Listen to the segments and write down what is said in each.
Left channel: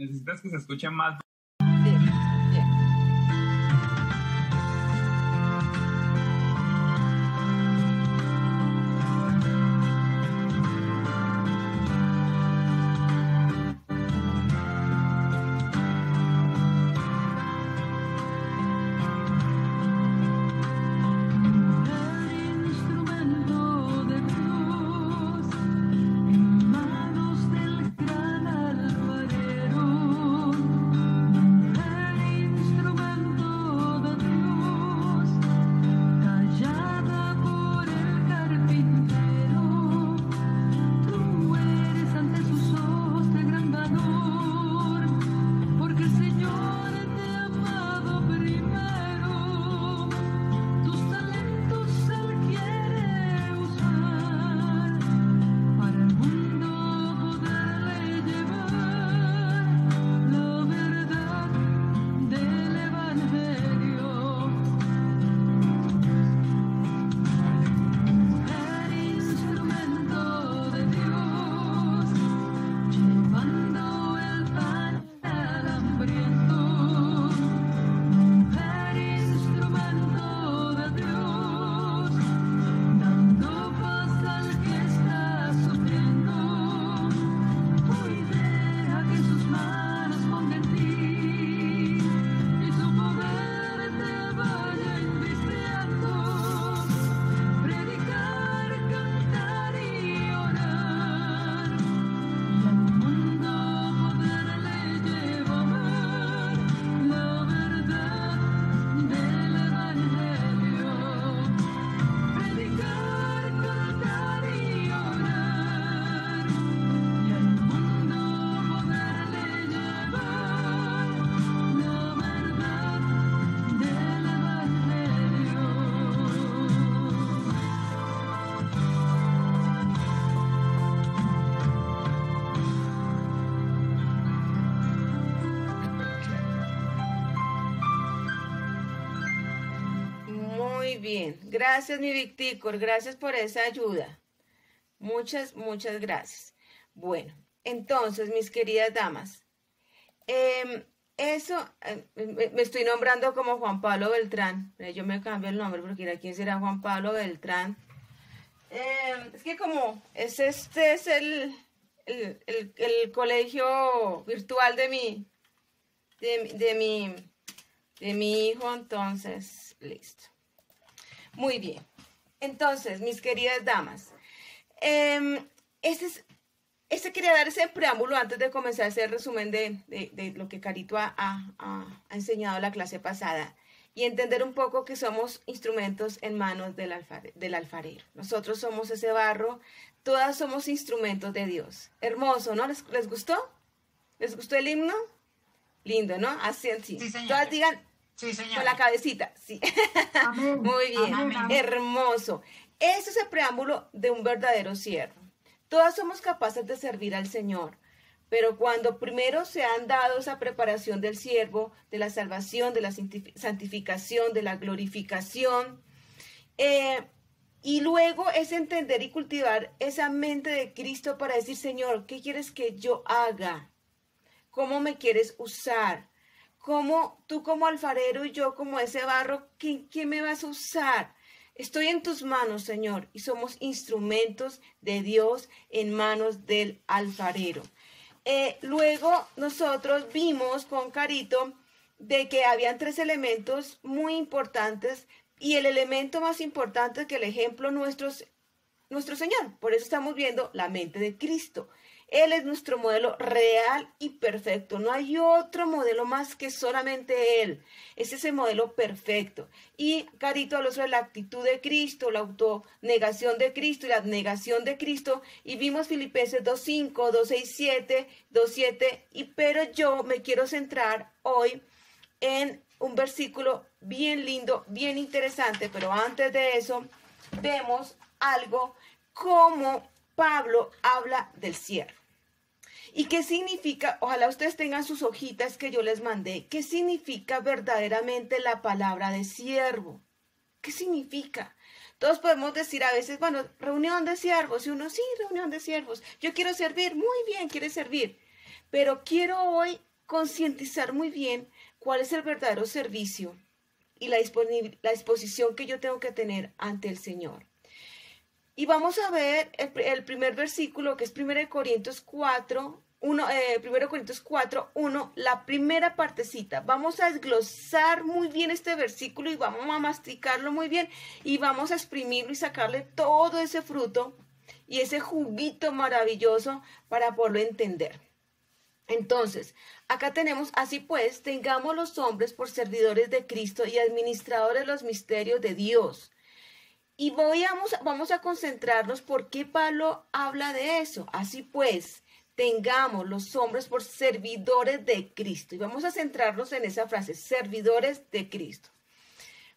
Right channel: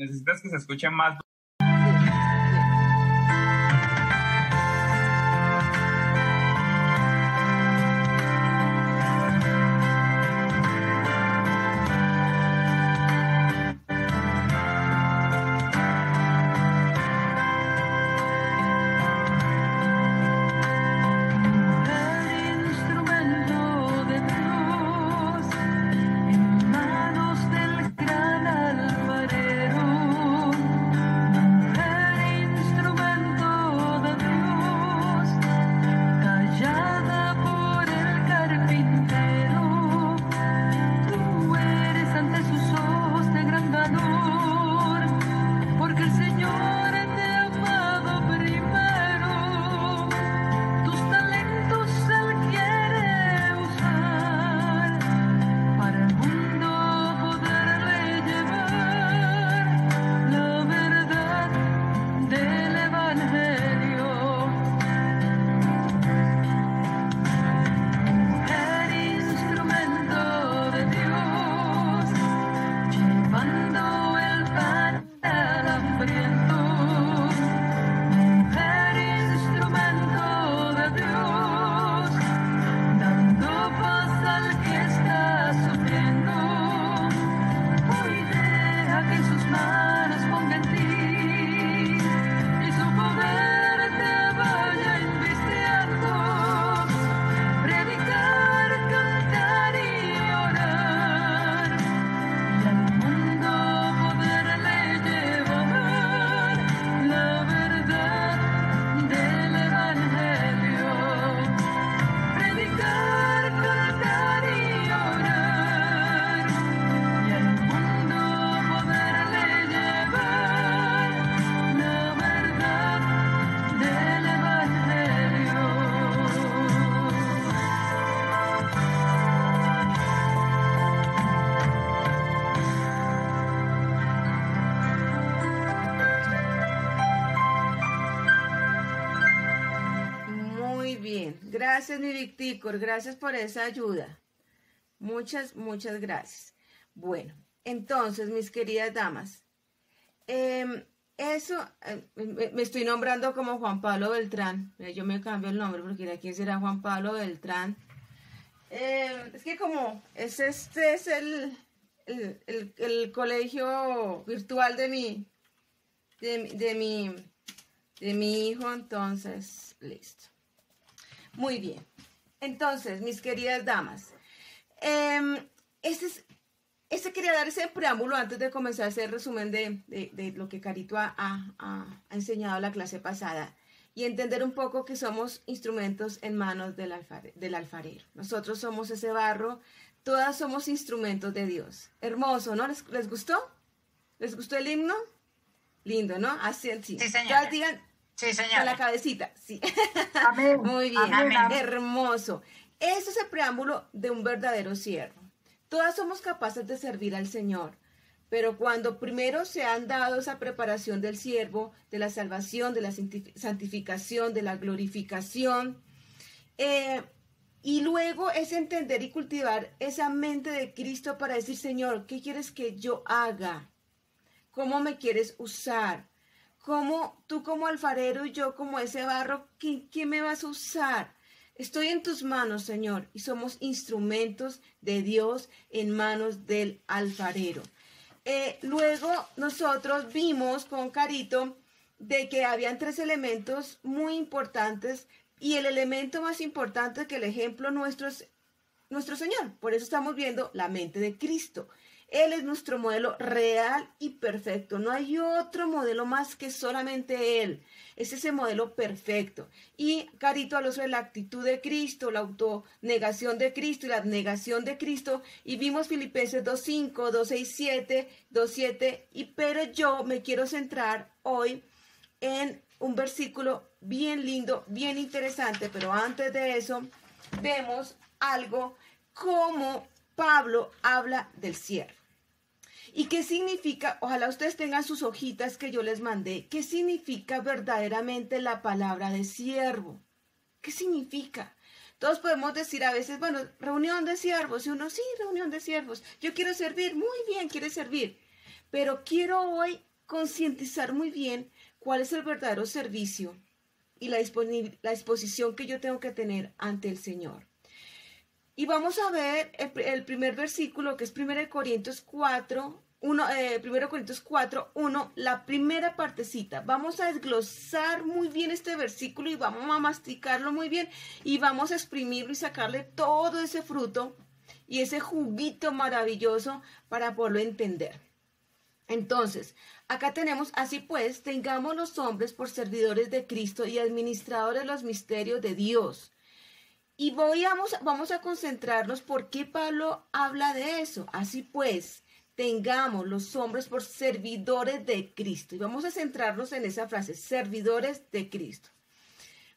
necesitas que se escuche más. Gracias, mi Victicor, gracias por esa ayuda. Muchas gracias. Bueno, entonces, mis queridas damas, me estoy nombrando como Juan Pablo Beltrán. Yo me cambio el nombre porque ¿quién será Juan Pablo Beltrán? Es que como este es el colegio virtual de mi hijo, entonces, listo. Muy bien. Entonces, mis queridas damas, quería dar ese preámbulo antes de comenzar a hacer el resumen de lo que Carito ha enseñado la clase pasada y entender un poco que somos instrumentos en manos del alfarero. Nosotros somos ese barro, todas somos instrumentos de Dios. Hermoso, ¿no? ¿Les gustó? ¿Les gustó el himno? Lindo, ¿no? Así, sí. Sí, señora. Todas digan, sí, señora. Con la cabecita, sí. Amén. Muy bien, Amén. hermoso. Ese es el preámbulo de un verdadero siervo. Todas somos capaces de servir al Señor, pero cuando primero se han dado esa preparación del siervo, de la salvación, de la santificación, de la glorificación, y luego es entender y cultivar esa mente de Cristo para decir, Señor, ¿qué quieres que yo haga? ¿Cómo me quieres usar? ¿Cómo tú como alfarero y yo como ese barro, ¿qué me vas a usar? Estoy en tus manos, Señor, y somos instrumentos de Dios en manos del alfarero. Luego nosotros vimos con Carito de que habían 3 elementos muy importantes y el elemento más importante que el ejemplo nuestro es nuestro Señor. Por eso estamos viendo la mente de Cristo. Él es nuestro modelo real y perfecto. No hay otro modelo más que solamente Él. Es ese modelo perfecto. Y Carito habló sobre la actitud de Cristo, la autonegación de Cristo y la negación de Cristo. Y vimos Filipenses 2.5, 2.6, 2.7. Pero yo me quiero centrar hoy en un versículo bien lindo, bien interesante. Pero antes de eso, vemos algo como Pablo habla del siervo. ¿Y qué significa? Ojalá ustedes tengan sus hojitas que yo les mandé. ¿Qué significa verdaderamente la palabra de siervo? ¿Qué significa? Todos podemos decir a veces, bueno, reunión de siervos. Y uno, sí, reunión de siervos. Yo quiero servir. Muy bien, quiere servir. Pero quiero hoy concientizar muy bien cuál es el verdadero servicio y la disposición que yo tengo que tener ante el Señor. Y vamos a ver el primer versículo, que es 1 Corintios 4, 1, 1 Corintios 4, 1, la primera partecita. Vamos a desglosar muy bien este versículo y vamos a masticarlo muy bien y vamos a exprimirlo y sacarle todo ese fruto y ese juguito maravilloso para poderlo entender. Entonces, acá tenemos, así pues, tengamos los hombres por servidores de Cristo y administradores de los misterios de Dios. Y vamos a concentrarnos por qué Pablo habla de eso. Así pues, tengamos los hombres por servidores de Cristo. Y vamos a centrarnos en esa frase, servidores de Cristo.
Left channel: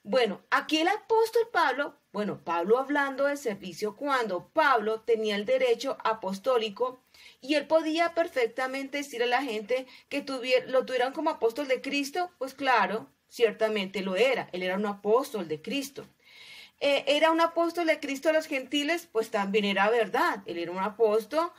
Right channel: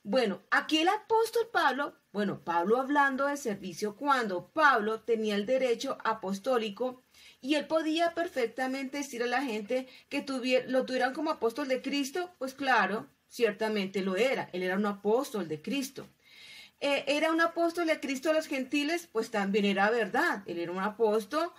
Bueno, aquí el apóstol Pablo, Pablo hablando de servicio, cuando Pablo tenía el derecho apostólico y él podía perfectamente decir a la gente que lo tuvieran como apóstol de Cristo, pues claro, ciertamente lo era. Él era un apóstol de Cristo. ¿Era un apóstol de Cristo a los gentiles? Pues también era verdad. Él era un apóstol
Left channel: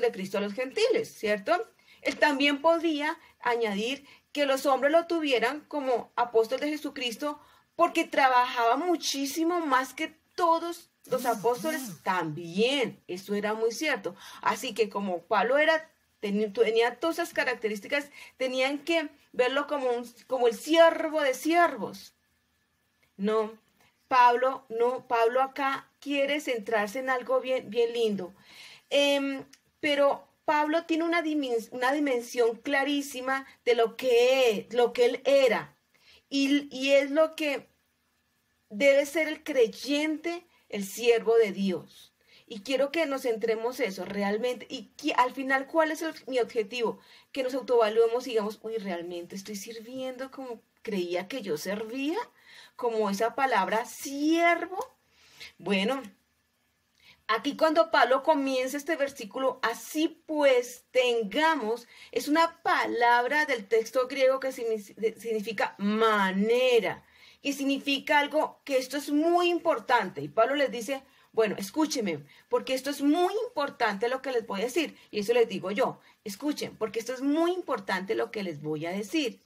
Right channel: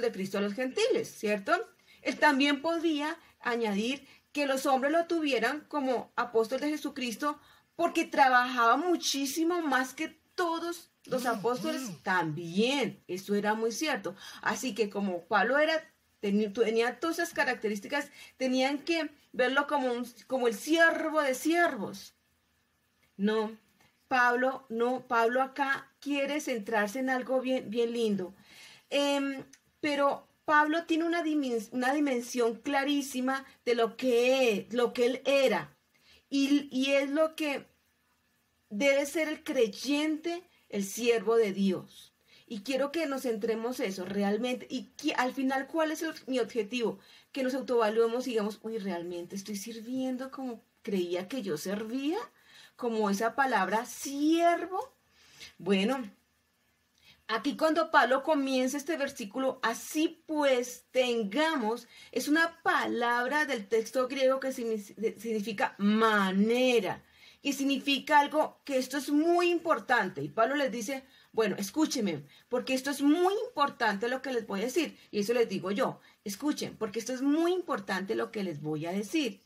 de Cristo a los gentiles, ¿cierto? Él también podía añadir que los hombres lo tuvieran como apóstol de Jesucristo porque trabajaba muchísimo más que todos los apóstoles también. Eso era muy cierto. Así que como Pablo tenía todas esas características, tenían que verlo como el siervo de siervos. Pablo acá quiere centrarse en algo bien, bien lindo. Pero Pablo tiene una dimensión clarísima de lo que él era. Y es lo que debe ser el creyente, el siervo de Dios. Y quiero que nos centremos eso realmente. Y al final, ¿cuál es mi objetivo? Que nos autoevaluemos y digamos, realmente estoy sirviendo como creía que yo servía, como esa palabra siervo. Bueno, aquí cuando Pablo comienza este versículo, así pues tengamos, es una palabra del texto griego que significa manera y significa algo que esto es muy importante. Y Pablo les dice, bueno, escúchenme, porque esto es muy importante lo que les voy a decir. Y eso les digo yo, escuchen, porque esto es muy importante lo que les voy a decir.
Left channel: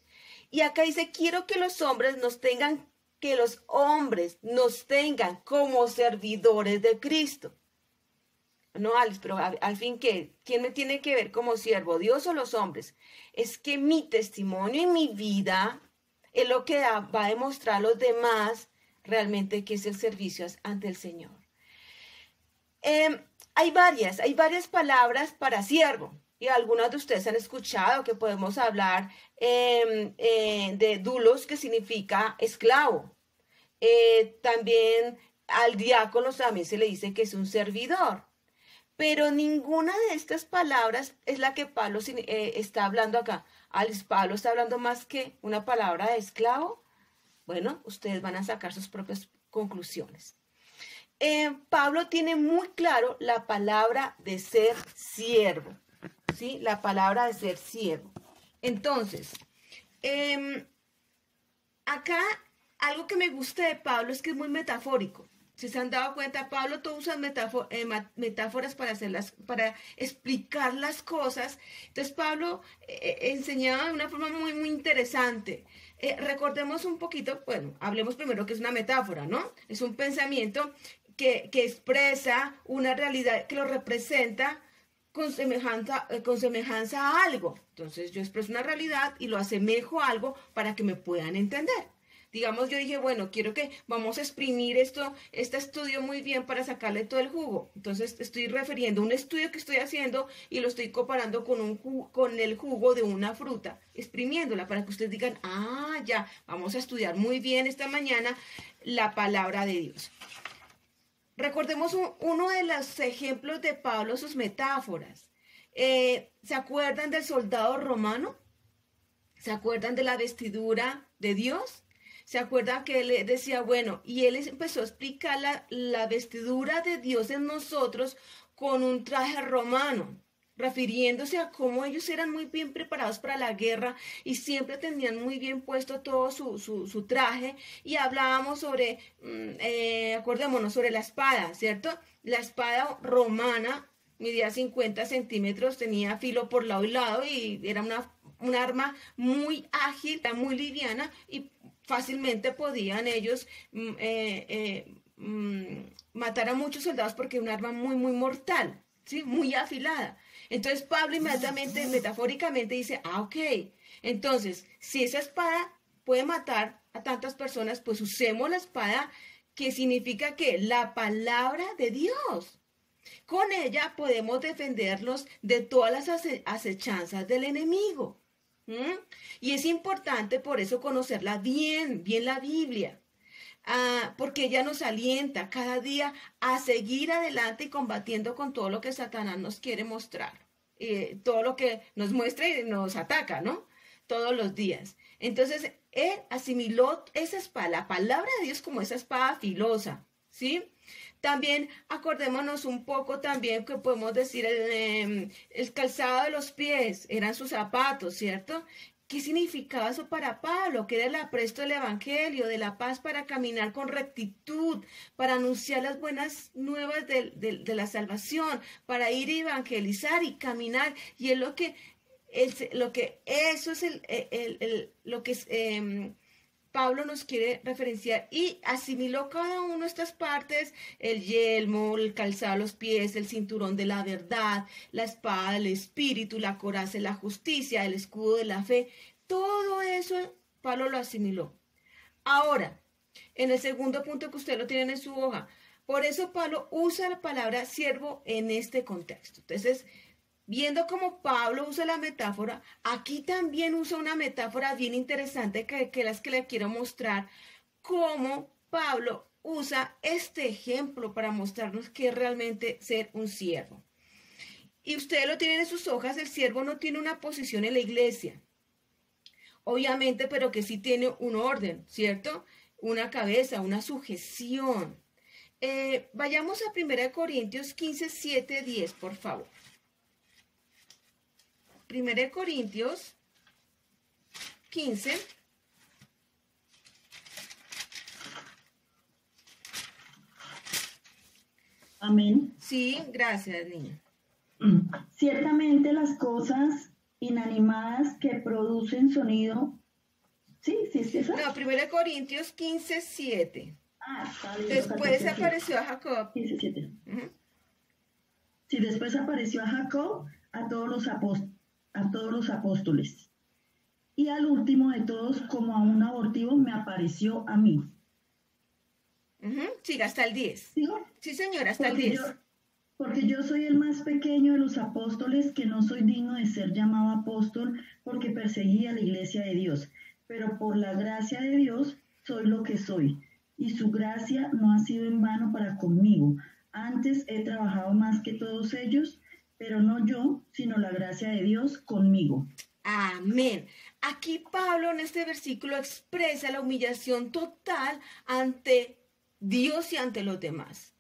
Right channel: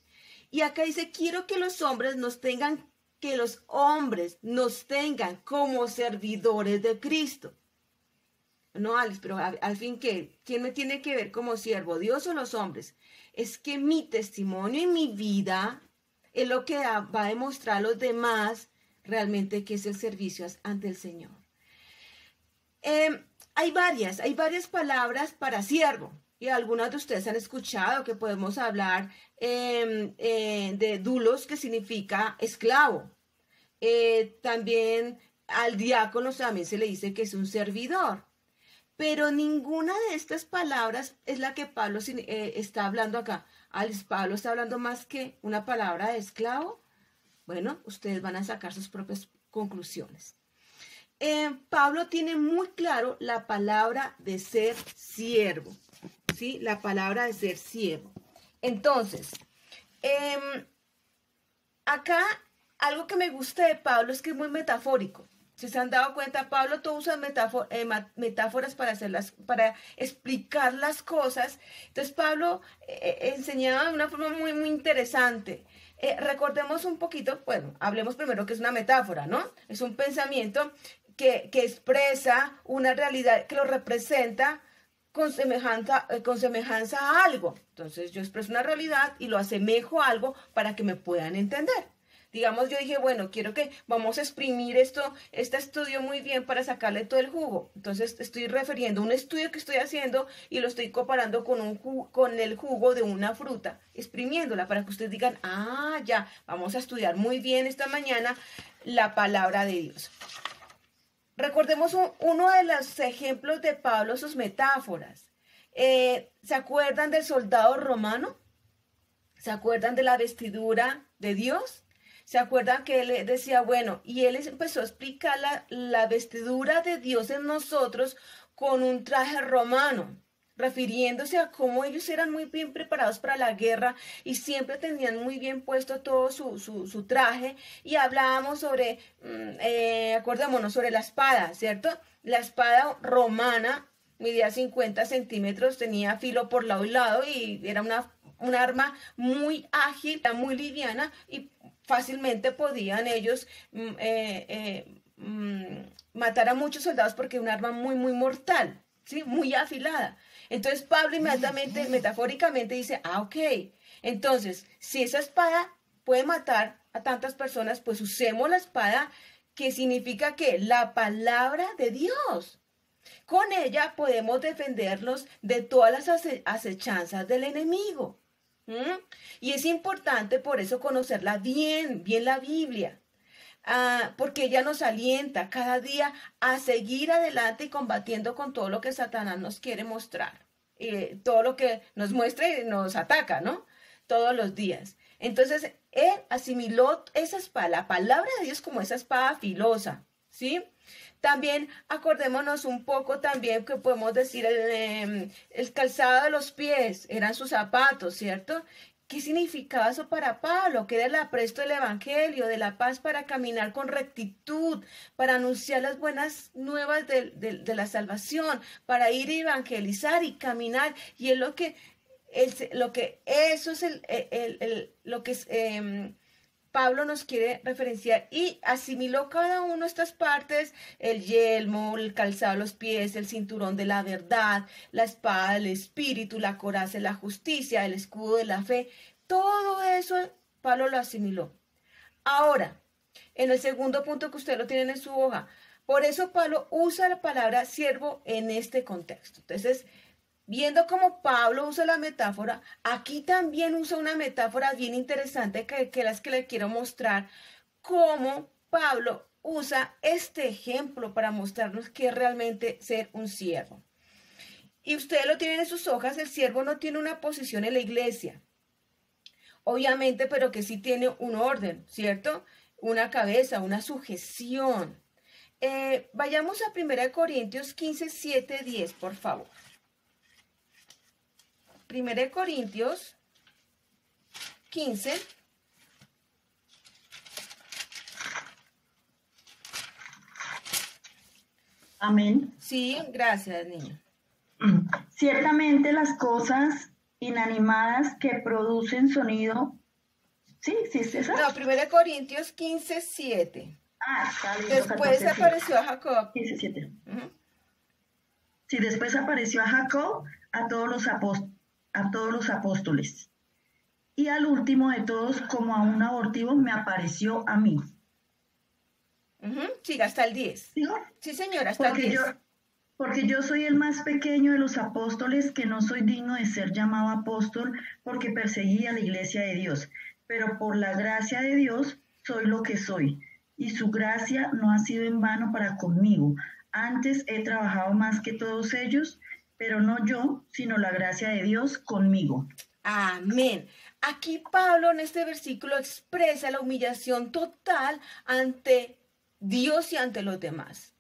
Y acá dice, quiero que los hombres nos tengan como servidores de Cristo. No, Alex, pero al fin, ¿quién me tiene que ver como siervo? ¿Dios o los hombres? Es que mi testimonio y mi vida es lo que va a demostrar a los demás realmente que es el servicio ante el Señor. Hay varias palabras para siervo. Y algunas de ustedes han escuchado que podemos hablar de doulos, que significa esclavo. También al diácono también se le dice que es un servidor. Pero ninguna de estas palabras es la que Pablo está hablando acá. Pablo está hablando más que una palabra de esclavo. Bueno, ustedes van a sacar sus propias conclusiones. Pablo tiene muy claro la palabra de ser siervo. ¿Sí? La palabra de ser siervo. Entonces, acá algo que me gusta de Pablo es que es muy metafórico. Si se han dado cuenta, Pablo todo usa metáforas para explicar las cosas. Entonces Pablo enseñaba de una forma muy, muy interesante. Recordemos un poquito, hablemos primero que es una metáfora, ¿no? Es un pensamiento que expresa una realidad, que lo representa con semejanza a algo. Entonces yo expreso una realidad y lo asemejo a algo para que me puedan entender. Digamos, yo dije, quiero que vamos a exprimir este estudio muy bien para sacarle todo el jugo. Entonces estoy refiriendo a un estudio que estoy haciendo y lo estoy comparando con el jugo de una fruta, exprimiéndola para que ustedes digan, ya, vamos a estudiar muy bien esta mañana la palabra de Dios. Recordemos uno de los ejemplos de Pablo, sus metáforas. ¿Se acuerdan del soldado romano? ¿Se acuerdan de la vestidura de Dios? ¿Se acuerdan que él decía, y él empezó a explicar la vestidura de Dios en nosotros con un traje romano, refiriéndose a cómo ellos eran muy bien preparados para la guerra y siempre tenían muy bien puesto todo su traje? Y hablábamos sobre, acordémonos, sobre la espada, ¿cierto? La espada romana medía 50 centímetros, tenía filo por lado y lado y era un arma muy ágil, muy liviana y fácilmente podían ellos matar a muchos soldados porque es un arma muy, muy mortal, ¿sí? Muy afilada. Entonces Pablo inmediatamente, metafóricamente dice, ok, entonces si esa espada puede matar a tantas personas, pues usemos la espada, que significa que la palabra de Dios. Con ella podemos defendernos de todas las acechanzas del enemigo. ¿Mm? Y es importante por eso conocerla bien, bien la Biblia. Porque ella nos alienta cada día a seguir adelante y combatiendo con todo lo que Satanás nos quiere mostrar. Todo lo que nos muestra y nos ataca, ¿no? Todos los días. Entonces, él asimiló esa espada, la palabra de Dios, como esa espada filosa, ¿sí? También acordémonos un poco también que podemos decir el calzado de los pies, eran sus zapatos, ¿cierto? ¿Qué significaba eso para Pablo? Que era el apresto del evangelio, de la paz para caminar con rectitud, para anunciar las buenas nuevas de la salvación, para ir a evangelizar y caminar. Y es lo que eso es lo que Pablo nos quiere referenciar, y asimiló cada una de estas partes: el yelmo, el calzado a los pies, el cinturón de la verdad, la espada del espíritu, la coraza de la justicia, el escudo de la fe. Todo eso Pablo lo asimiló. Ahora, en el segundo punto que usted lo tienen en su hoja, por eso Pablo usa la palabra siervo en este contexto. Entonces, viendo cómo Pablo usa la metáfora, aquí también usa una metáfora bien interesante que las que le quiero mostrar, cómo Pablo usa este ejemplo para mostrarnos qué es realmente ser un siervo. Y ustedes lo tienen en sus hojas: el siervo no tiene una posición en la iglesia, obviamente, pero que sí tiene un orden, ¿cierto? Una cabeza, una sujeción. Vayamos a 1 Corintios 15, 7, 10, por favor. 1 Corintios 15. Amén. Sí, gracias, niño. Ciertamente las cosas inanimadas que producen sonido. ¿Sí? ¿Sí es esa? No, 1 Corintios 15, 7. Está bien. Después apareció a Jacob. 15, 7. Sí, después apareció a Jacob, a todos los apóstoles. Y al último de todos, como a un abortivo, me apareció a mí. Sí, hasta el 10. ¿Digo? Sí, señora, hasta el 10. Porque yo soy el más pequeño de los apóstoles, que no soy digno de ser llamado apóstol, porque perseguí a la iglesia de Dios. Pero por la gracia de Dios soy lo que soy, y su gracia no ha sido en vano para conmigo. Antes he trabajado más que todos ellos, pero no yo, sino la gracia de Dios conmigo. Amén. Aquí Pablo en este versículo expresa la humillación total ante Dios y ante los demás.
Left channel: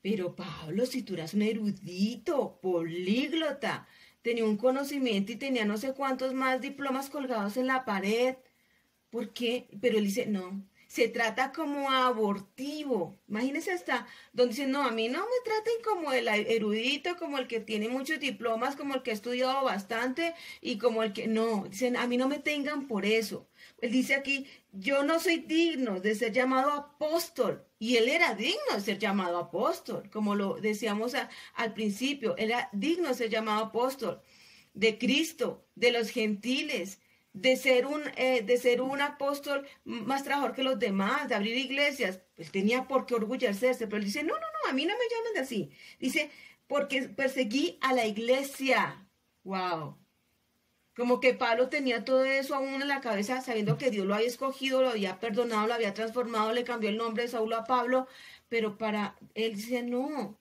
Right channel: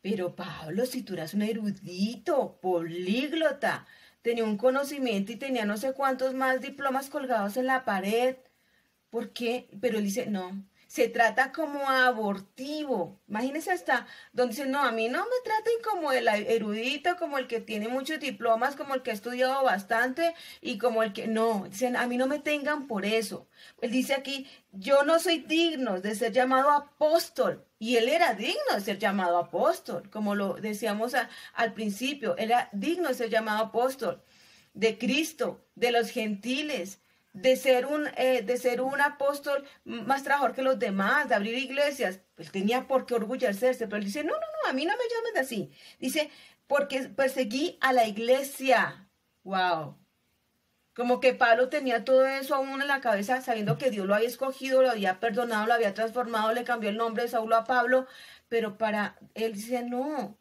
Pero Pablo, si tú eras un erudito, políglota, tenía un conocimiento y tenía no sé cuántos más diplomas colgados en la pared, ¿por qué? Pero él dice, no, se trata como abortivo. Imagínense hasta donde dice, no, a mí no me traten como el erudito, como el que tiene muchos diplomas, como el que ha estudiado bastante y como el que, no, dicen, a mí no me tengan por eso. Él dice aquí, yo no soy digno de ser llamado apóstol. Y él era digno de ser llamado apóstol, como lo decíamos al principio, era digno de ser llamado apóstol de Cristo, de los gentiles, de ser un apóstol más trabajador que los demás, de abrir iglesias. Pues tenía por qué orgullecerse, pero él dice, no, a mí no me llamen de así. Dice, porque perseguí a la iglesia. Wow. Como que Pablo tenía todo eso aún en la cabeza, sabiendo que Dios lo había escogido, lo había perdonado, lo había transformado, le cambió el nombre de Saulo a Pablo, pero para él dice, no,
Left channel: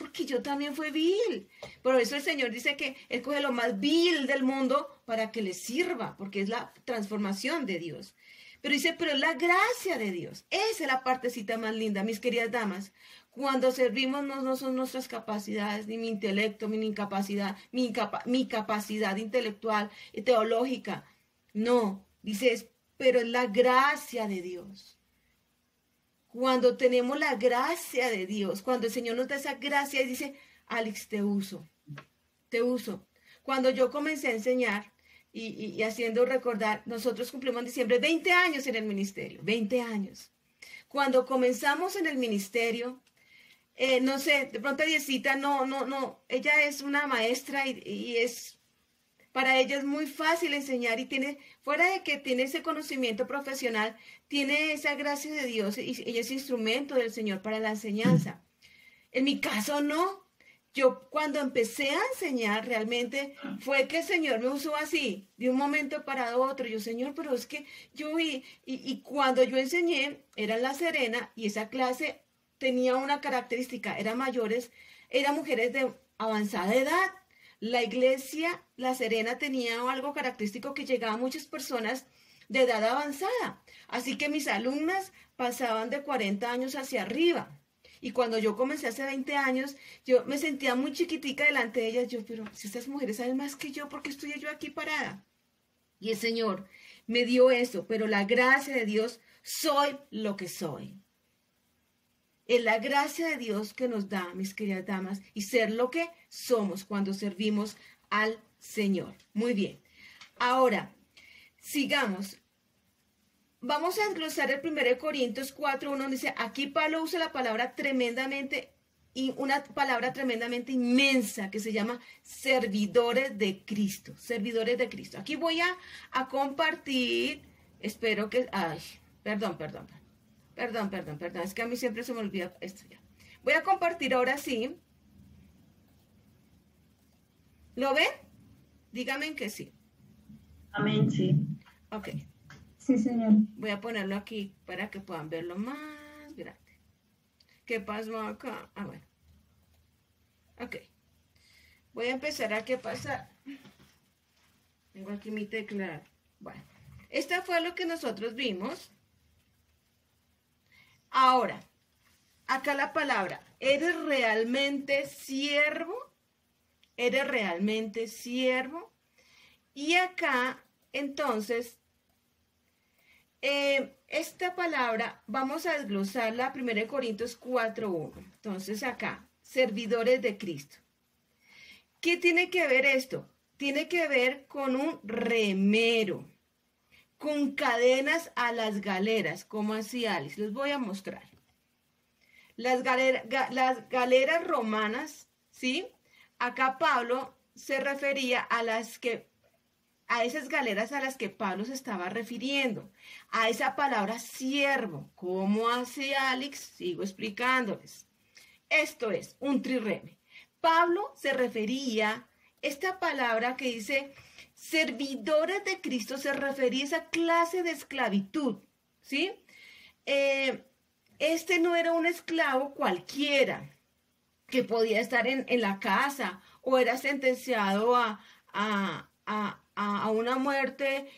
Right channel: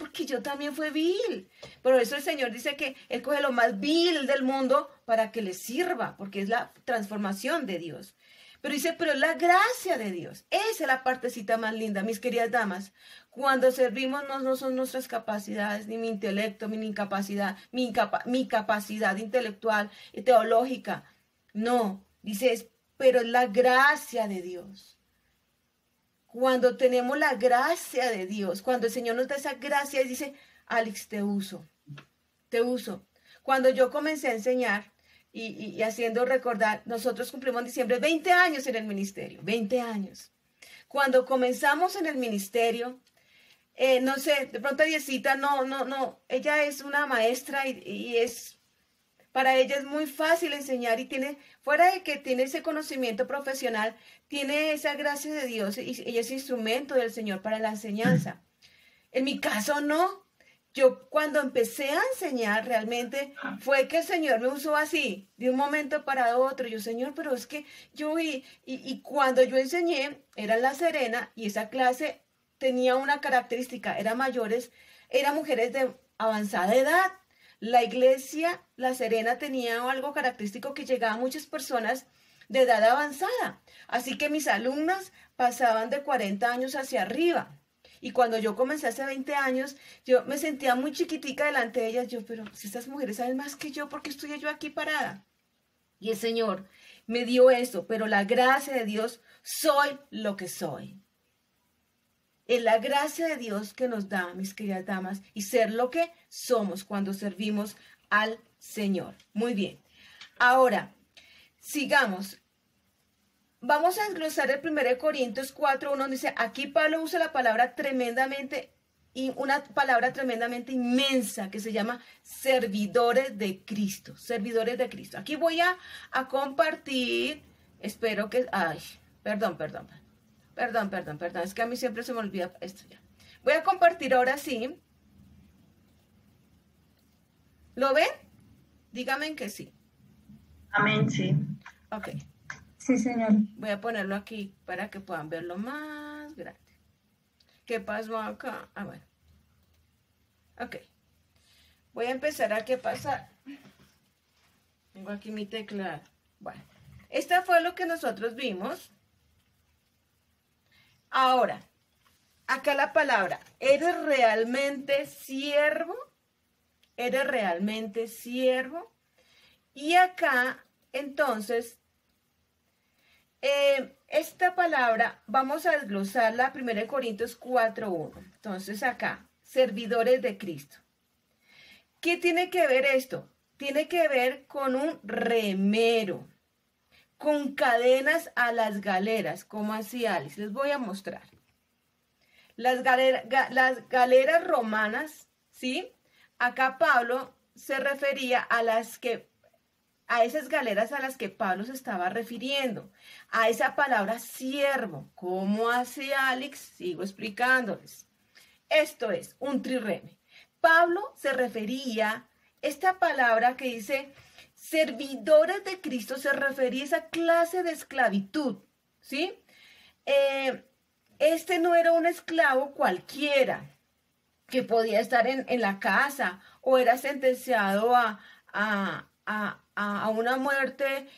porque yo también fui vil. Por eso el Señor dice que Él coge lo más vil del mundo para que le sirva, porque es la transformación de Dios. Pero dice, pero es la gracia de Dios. Esa es la partecita más linda, mis queridas damas. Cuando servimos no son nuestras capacidades, ni mi intelecto, mi incapacidad, mi capacidad intelectual y teológica. No, dice, pero es la gracia de Dios. Cuando tenemos la gracia de Dios, cuando el Señor nos da esa gracia y dice, Alex, te uso. Cuando yo comencé a enseñar, y haciendo recordar, nosotros cumplimos en diciembre 20 años en el ministerio, 20 años. Cuando comenzamos en el ministerio, no sé, de pronto Diecita, no, ella es una maestra y para ella es muy fácil enseñar y tiene, fuera de que tiene ese conocimiento profesional, tiene esa gracia de Dios y ella es instrumento del Señor para la enseñanza. En mi caso no. Yo cuando empecé a enseñar realmente fue que el Señor me usó así, de un momento para otro. Yo, Señor, pero es que yo vi, y cuando yo enseñé, era en La Serena, y esa clase tenía una característica, eran mujeres de avanzada edad. La iglesia La Serena tenía algo característico que llegaba a muchas personas de edad avanzada. Así que mis alumnas pasaban de 40 años hacia arriba. Y cuando yo comencé hace 20 años, yo me sentía muy chiquitica delante de ellas. Yo, pero si estas mujeres saben más que yo, ¿por qué estoy yo aquí parada? Y el Señor me dio eso, pero la gracia de Dios, soy lo que soy. Es la gracia de Dios que nos da, mis queridas damas, y ser lo que somos cuando servimos al Señor. Muy bien. Ahora, sigamos. Vamos a desglosar el 1 Corintios 4:1, dice, aquí Pablo usa la palabra tremendamente, y una palabra tremendamente inmensa que se llama servidores de Cristo, servidores de Cristo. Aquí voy a compartir, espero que, perdón, es que a mí siempre se me olvida esto ya. Voy a compartir ahora sí. ¿Lo ven? Díganme que sí. Amén, sí. Ok. Sí, señor. Voy a ponerlo aquí para que puedan verlo más grande. ¿Qué pasó acá? Bueno. Ok. Voy a empezar a qué pasar. Tengo aquí mi teclado. Bueno. Esta fue lo que nosotros vimos. Ahora, acá la palabra, ¿eres realmente siervo? ¿Eres realmente siervo? Y acá, entonces, esta palabra vamos a desglosarla 1 Corintios 4:1. Entonces acá, servidores de Cristo. ¿Qué tiene que ver esto? Tiene que ver con un remero, con cadenas a las galeras. ¿Cómo así, Alice? Les voy a mostrar. Las galeras romanas, ¿sí? Acá Pablo se refería a esas galeras a las que Pablo se estaba refiriendo, a esa palabra siervo. ¿Cómo hace Alex? Sigo explicándoles. Esto es un trireme. Pablo se refería, esta palabra que dice servidores de Cristo, se refería a esa clase de esclavitud, ¿sí? Este no era un esclavo cualquiera que podía estar en la casa o era sentenciado a una muerte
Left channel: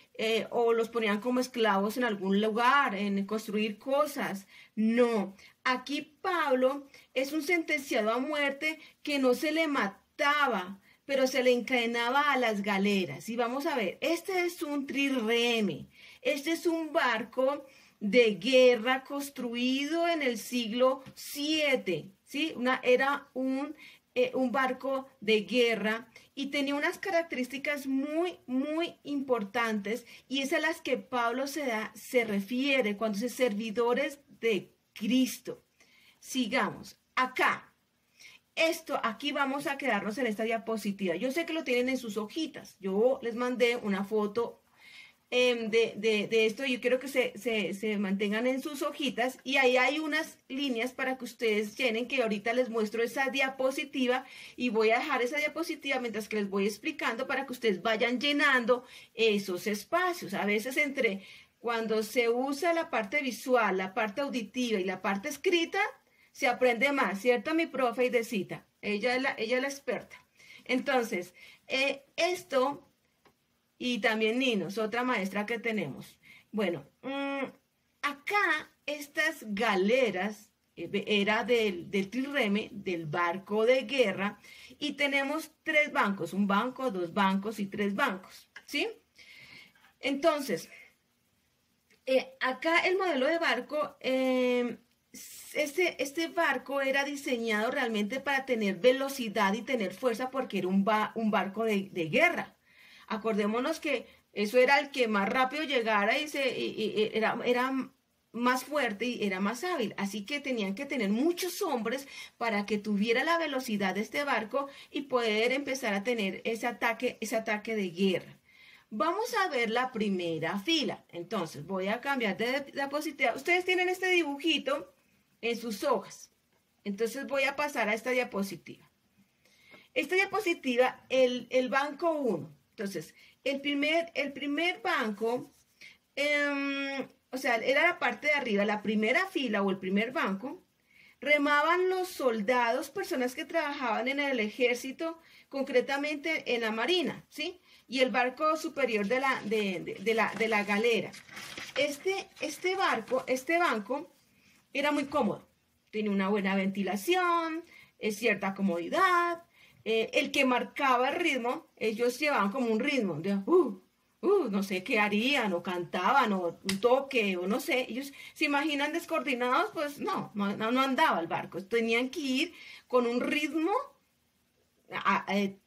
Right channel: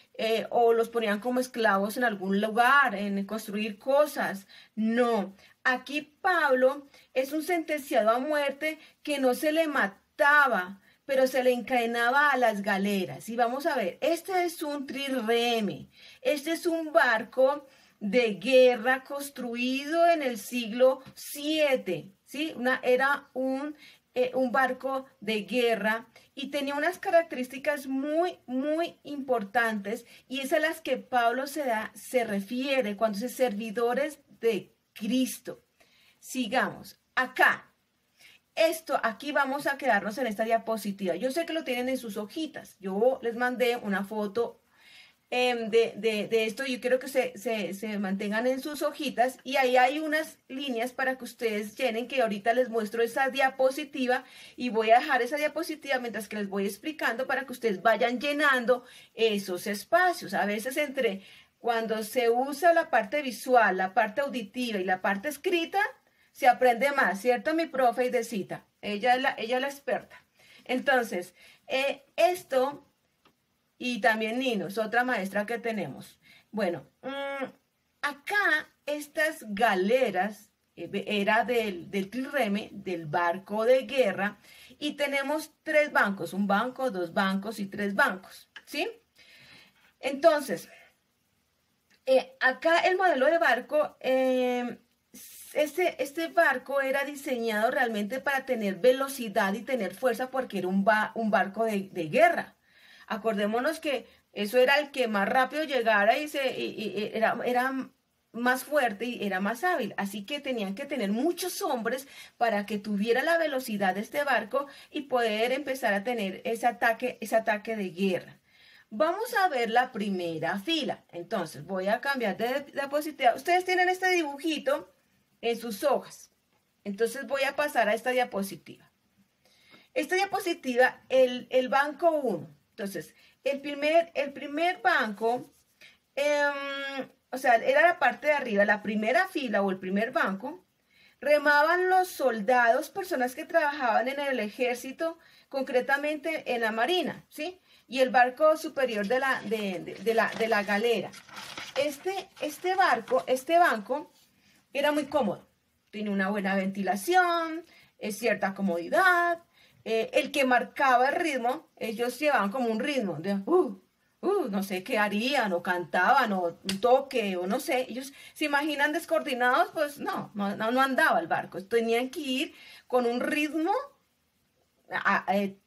o los ponían como esclavos en algún lugar, en construir cosas. No, aquí Pablo es un sentenciado a muerte que no se le mataba, pero se le encadenaba a las galeras. Y vamos a ver, este es un trireme, este es un barco de guerra construido en el siglo VII, ¿sí? Era un barco de guerra y tenía unas características muy, muy importantes, y es a las que Pablo se refiere cuando dice servidores de Cristo. Sigamos. Acá, aquí vamos a quedarnos en esta diapositiva. Yo sé que lo tienen en sus hojitas. Yo les mandé una foto de esto. Yo quiero que se mantengan en sus hojitas, y ahí hay unas líneas para que ustedes llenen, que ahorita les muestro esa diapositiva, y voy a dejar esa diapositiva mientras que les voy explicando para que ustedes vayan llenando esos espacios. A veces cuando se usa la parte visual, la parte auditiva y la parte escrita, se aprende más, ¿cierto? Mi profe Idecita, ella es la experta. Entonces, esto, y también Nino, es otra maestra que tenemos. Bueno, acá estas galeras era del trireme, del barco de guerra, y tenemos 3 bancos, un banco, 2 bancos y 3 bancos, ¿sí? Entonces, acá el modelo de barco, este barco era diseñado realmente para tener velocidad y tener fuerza, porque era un barco de guerra. Acordémonos que eso era el que más rápido llegara y era más fuerte y era más hábil. Así que tenían que tener muchos hombres para que tuviera la velocidad de este barco y poder empezar a tener ese ataque de guerra. Vamos a ver la primera fila. Entonces, voy a cambiar de diapositiva. Ustedes tienen este dibujito en sus hojas. Entonces, voy a pasar a esta diapositiva. Esta diapositiva, el banco 1. Entonces, el primer banco, o sea, era la parte de arriba, la primera fila o el primer banco. Remaban los soldados, personas que trabajaban en el ejército, concretamente en la marina, ¿sí? Y el barco superior de la galera. Este banco era muy cómodo. Tiene una buena ventilación, cierta comodidad. El que marcaba el ritmo, ellos llevaban como un ritmo de no sé qué harían, o cantaban, o un toque, o no sé. Ellos se imaginan descoordinados, pues no andaba el barco. Tenían que ir con un ritmo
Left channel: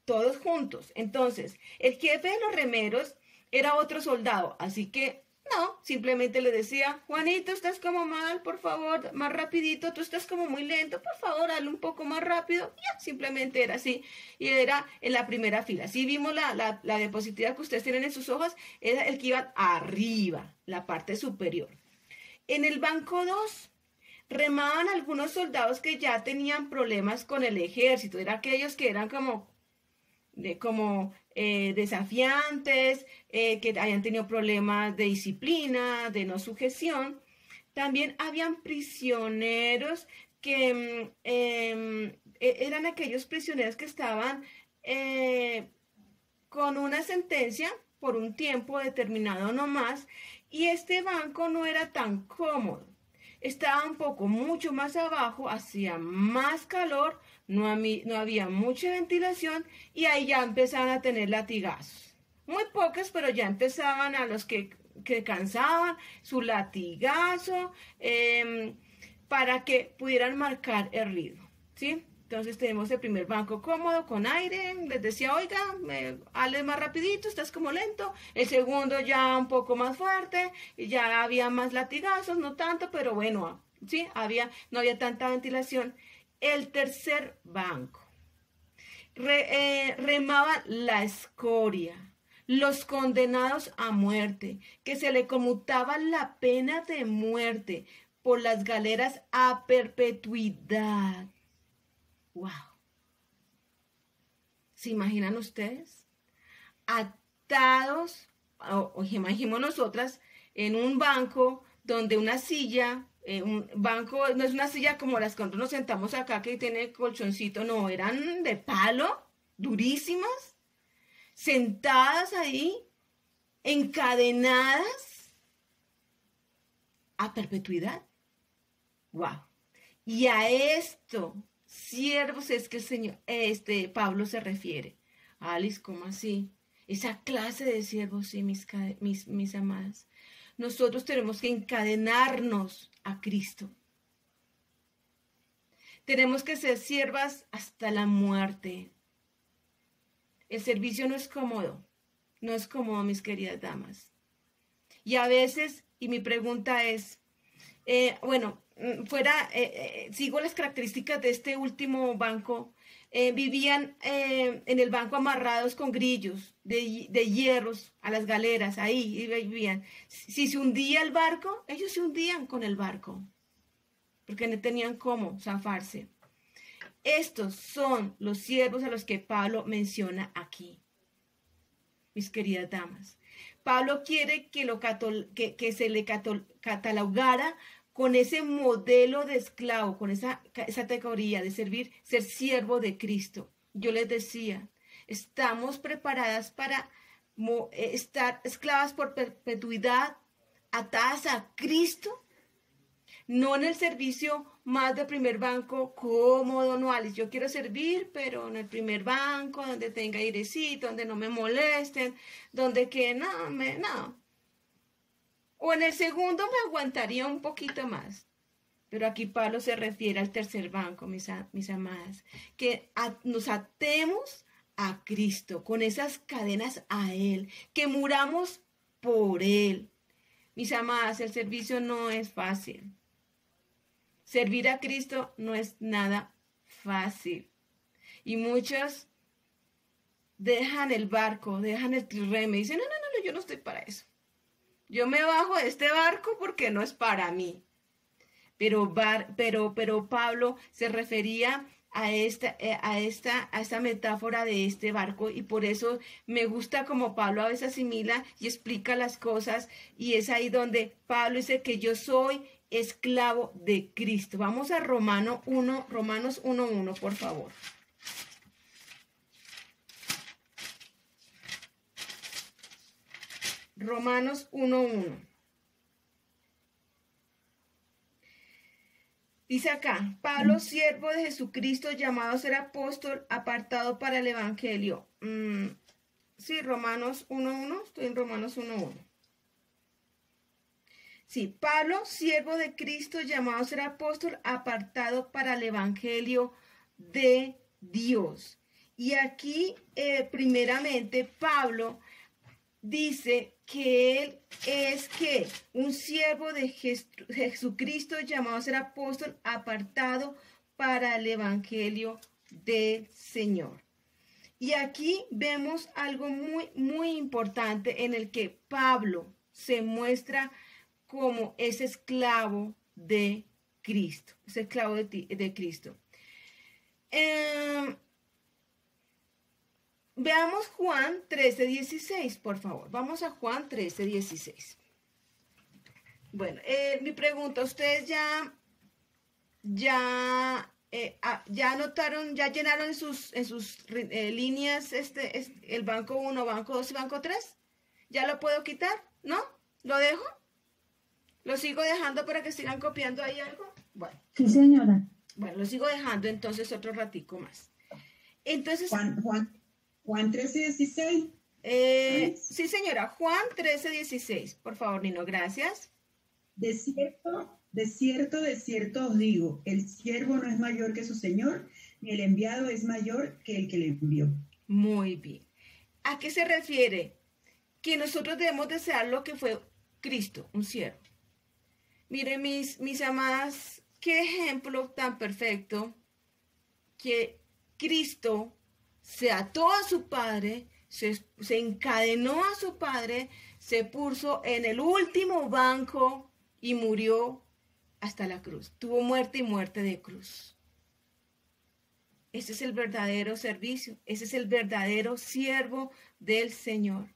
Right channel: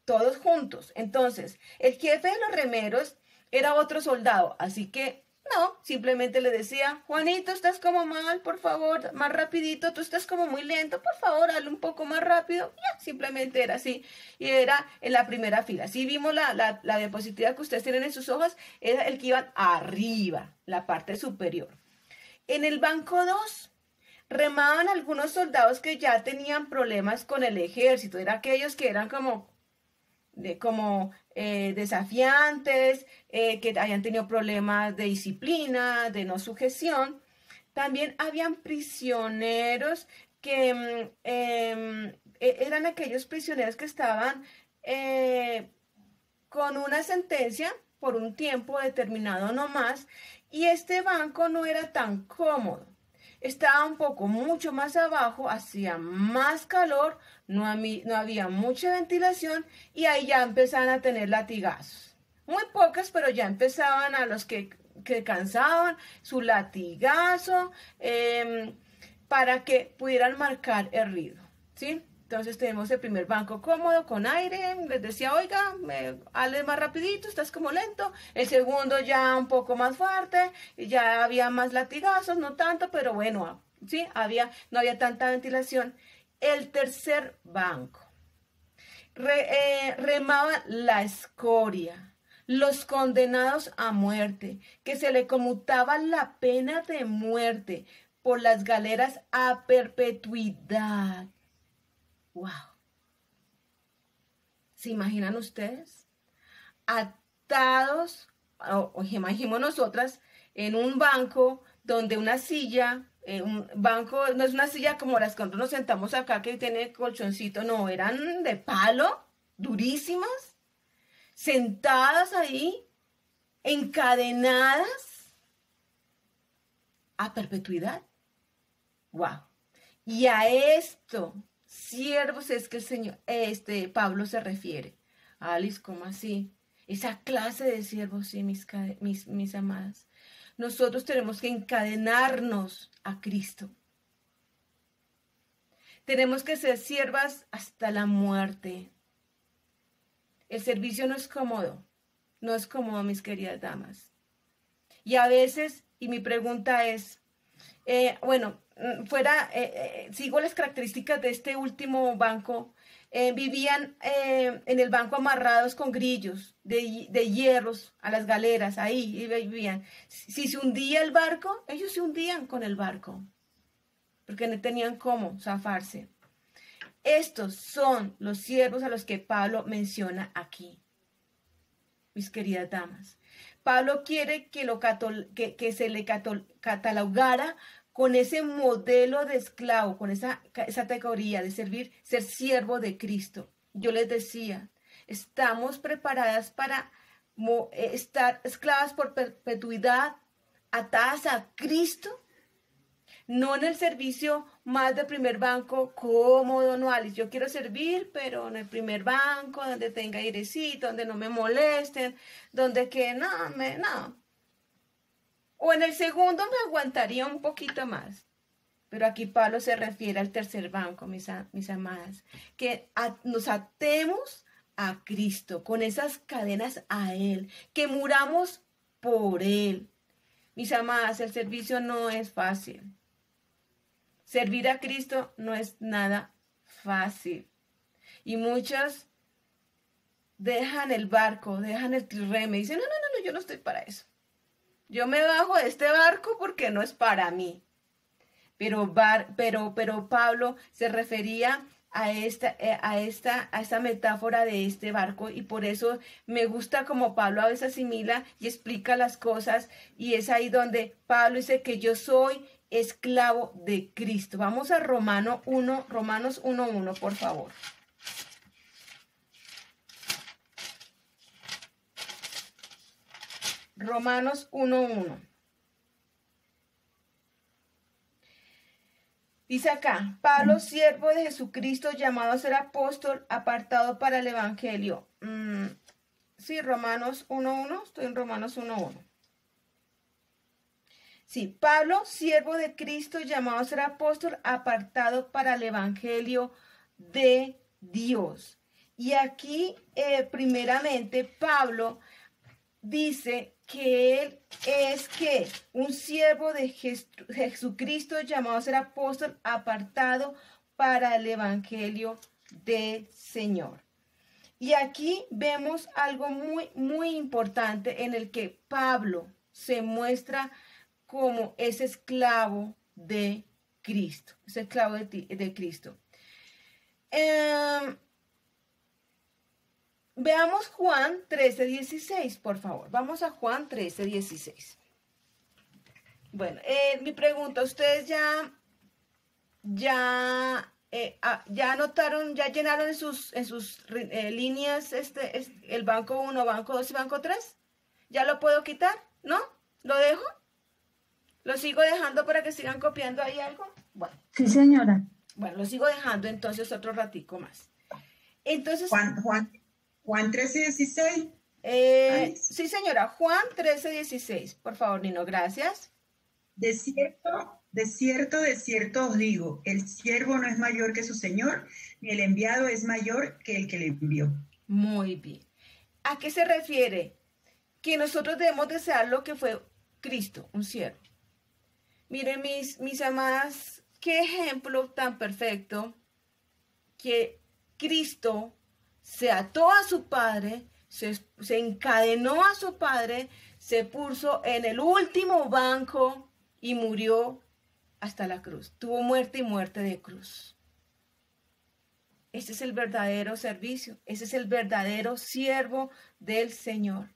todos juntos. Entonces, el jefe de los remeros era otro soldado, así que no, simplemente le decía, Juanito, estás como mal, por favor, más rapidito, tú estás como muy lento, por favor, hazlo un poco más rápido. Ya, simplemente era así, y era en la primera fila. Si vimos la diapositiva que ustedes tienen en sus hojas, era el que iba arriba, la parte superior. En el banco 2, remaban algunos soldados que ya tenían problemas con el ejército, eran aquellos que eran como desafiantes, que hayan tenido problemas de disciplina, de no sujeción. También habían prisioneros que eran aquellos prisioneros que estaban con una sentencia por un tiempo determinado no más, y este banco no era tan cómodo. Estaba mucho más abajo, hacía más calor, no había mucha ventilación, y ahí ya empezaban a tener latigazos. Muy pocas, pero ya empezaban a los que cansaban su latigazo para que pudieran marcar el ritmo, ¿sí? Entonces tenemos el primer banco cómodo, con aire, les decía, oiga, hazle más rapidito, estás como lento. El segundo ya un poco más fuerte, ya había más latigazos, no tanto, pero bueno, sí, no había tanta ventilación. El tercer banco, remaba la escoria, los condenados a muerte, que se le conmutaba la pena de muerte por las galeras a perpetuidad. ¡Wow! ¿Se imaginan ustedes? Atados, o imaginemos nosotras, en un banco donde una silla, un banco, no es una silla como las que nosotros nos sentamos acá que tiene colchoncito, no, eran de palo, durísimas, sentadas ahí, encadenadas a perpetuidad. ¡Wow! Y a esto, siervos, es que el Señor, Pablo se refiere. Alice, ¿cómo así? Esa clase de siervos, sí, mis amadas. Nosotros tenemos que encadenarnos a Cristo. Tenemos que ser siervas hasta la muerte. El servicio no es cómodo, mis queridas damas. Y a veces, y mi pregunta es, sigo las características de este último banco. Vivían en el banco amarrados con grillos de hierros a las galeras, ahí vivían. Si se hundía el barco, ellos se hundían con el barco, porque no tenían cómo zafarse. Estos son los siervos a los que Pablo menciona aquí, mis queridas damas. Pablo quiere que se le catalogara con ese modelo de esclavo, con esa categoría de ser siervo de Cristo. Yo les decía, estamos preparadas para estar esclavas por perpetuidad, atadas a Cristo, no en el servicio más de primer banco cómodo, no, Alice, yo quiero servir, pero en el primer banco, donde tenga airecito, donde no me molesten, donde que no. O en el segundo me aguantaría un poquito más. Pero aquí Pablo se refiere al tercer banco, mis amadas. Que nos atemos a Cristo, con esas cadenas a Él, que muramos por Él. Mis amadas, el servicio no es fácil. Servir a Cristo no es nada fácil. Y muchos dejan el barco, dejan el trirreme y dicen, no, yo no estoy para eso. Yo me bajo de este barco porque no es para mí. Pero Pablo se refería a esta metáfora de este barco, y por eso me gusta como Pablo a veces asimila y explica las cosas, y es ahí donde Pablo dice que yo soy esclavo de Cristo. Vamos a Romanos 1:1, por favor. Romanos 1:1. Dice acá, Pablo, siervo de Jesucristo, llamado a ser apóstol, apartado para el evangelio. Sí, Romanos 1:1, estoy en Romanos 1:1. Sí, Pablo, siervo de Cristo, llamado a ser apóstol, apartado para el evangelio de Dios. Y aquí, primeramente, Pablo dice que él es un siervo de Jesucristo, llamado a ser apóstol, apartado para el evangelio del Señor. Y aquí vemos algo muy, muy importante en el que Pablo se muestra como ese esclavo de Cristo, ese esclavo de Cristo. Veamos Juan 13:16, por favor. Vamos a Juan 13:16. Bueno, mi pregunta, ¿ustedes ya anotaron, ya llenaron en sus líneas el banco 1, banco 2 y banco 3? ¿Ya lo puedo quitar? ¿No? ¿Lo dejo? ¿Lo sigo dejando para que sigan copiando ahí algo? Bueno. Sí, señora. Bueno, lo sigo dejando entonces otro ratico más. Entonces... Juan 13:16. Sí, señora. Juan 13:16. Por favor, Nino, gracias. De cierto os digo, el siervo no es mayor que su señor, ni el enviado es mayor que el que le envió. Muy bien. ¿A qué se refiere? Que nosotros debemos desear lo que fue Cristo, un siervo. Miren, mis amadas, qué ejemplo tan perfecto, que Cristo se ató a su Padre, se encadenó a su Padre, se puso en el último banco y murió hasta la cruz. Tuvo muerte y muerte de cruz. Ese es el verdadero servicio. Ese es el verdadero siervo del Señor.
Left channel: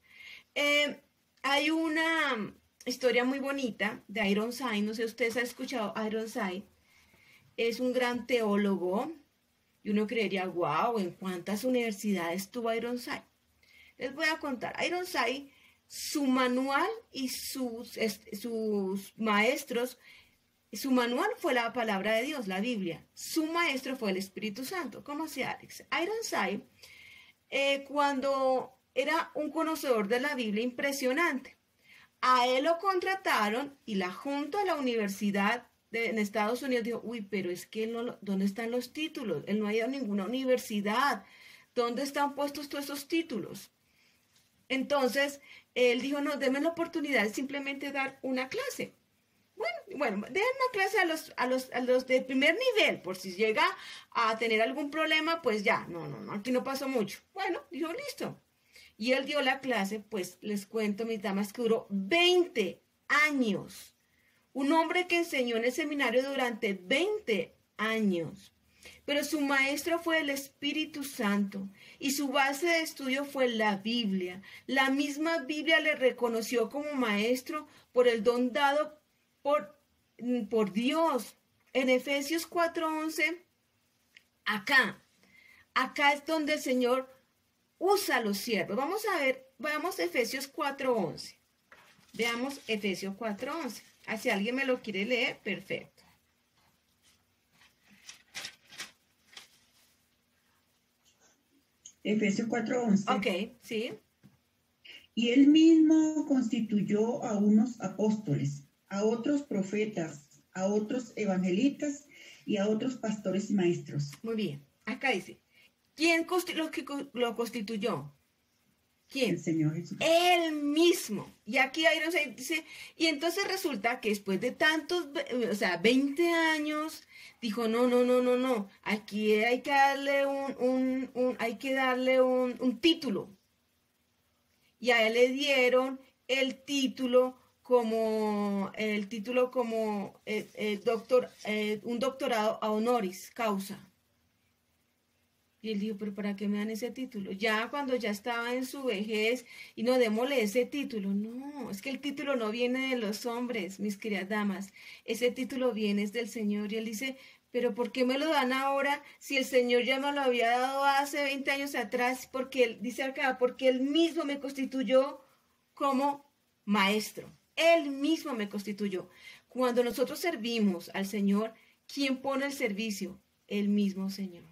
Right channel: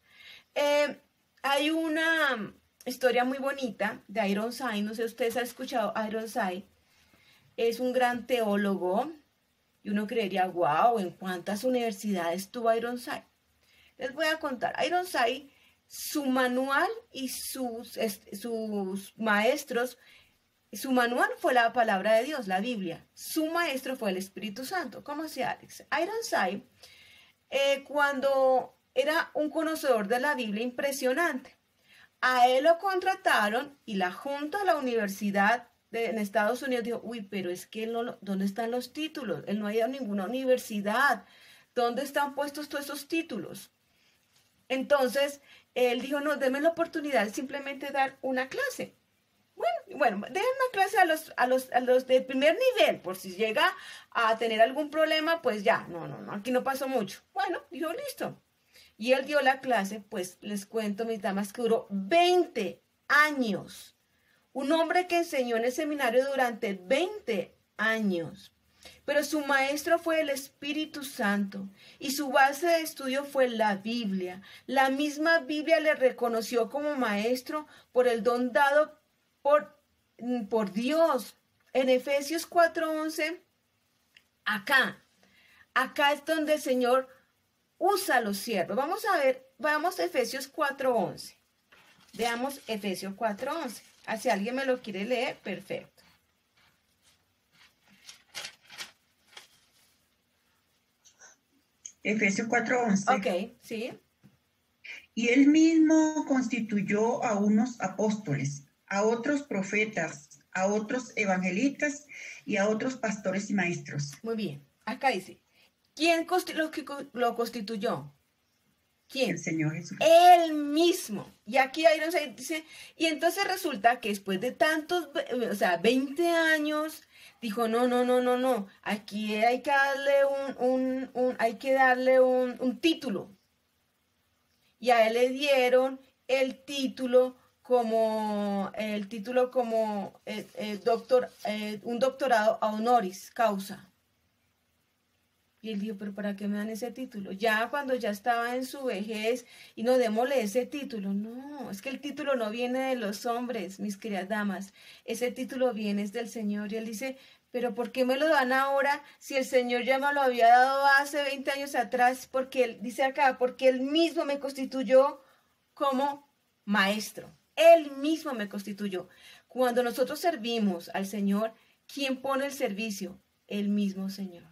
Hay una historia muy bonita de Ironside. No sé si ustedes han escuchado a Ironside. Es un gran teólogo. Y uno creería, wow, ¿en cuántas universidades tuvo Ironside? Les voy a contar. Ironside, su manual y sus maestros, su manual fue la palabra de Dios, la Biblia. Su maestro fue el Espíritu Santo. ¿Cómo hacía Alex? Ironside, cuando era un conocedor de la Biblia impresionante, a él lo contrataron y la junta de la universidad en Estados Unidos dijo, uy, pero es que ¿dónde están los títulos? Él no ha ido a ninguna universidad. ¿Dónde están puestos todos esos títulos? Entonces, él dijo, no, denme la oportunidad de simplemente dar una clase. Bueno, den una clase a los de primer nivel, por si llega a tener algún problema, pues ya, no, aquí no pasó mucho. Bueno, dijo, listo. Y él dio la clase, pues les cuento, mis damas, que duró 20 años. Un hombre que enseñó en el seminario durante 20 años. Pero su maestro fue el Espíritu Santo y su base de estudio fue la Biblia. La misma Biblia le reconoció como maestro por el don dado por Dios. En Efesios 4:11, acá es donde el Señor usa a los siervos. Vamos a Efesios 4:11. Veamos Efesios 4:11. Si alguien me lo quiere leer, perfecto. Efesios 4:11. Ok, sí. Y él mismo constituyó a unos apóstoles, a otros profetas, a otros evangelistas y a otros pastores y maestros. Muy bien. Acá dice, ¿Quién lo constituyó? ¿Quién? El Señor Jesús. Él mismo. Y aquí Ironside dice, y entonces resulta que después de tantos, 20 años, dijo, no, aquí hay que darle un título. Y a él le dieron el título como un doctorado honoris causa. Y él dijo, pero ¿para qué me dan ese título? Ya cuando ya estaba en su vejez, y no, démosle ese título. No, es que el título no viene de los hombres, mis queridas damas. Ese título viene del Señor. Y él dice, pero ¿por qué me lo dan ahora si el Señor ya me lo había dado hace 20 años atrás? Porque él dice acá, porque él mismo me constituyó como maestro. Él mismo me constituyó. Cuando nosotros servimos al Señor, ¿quién pone el servicio? El mismo Señor.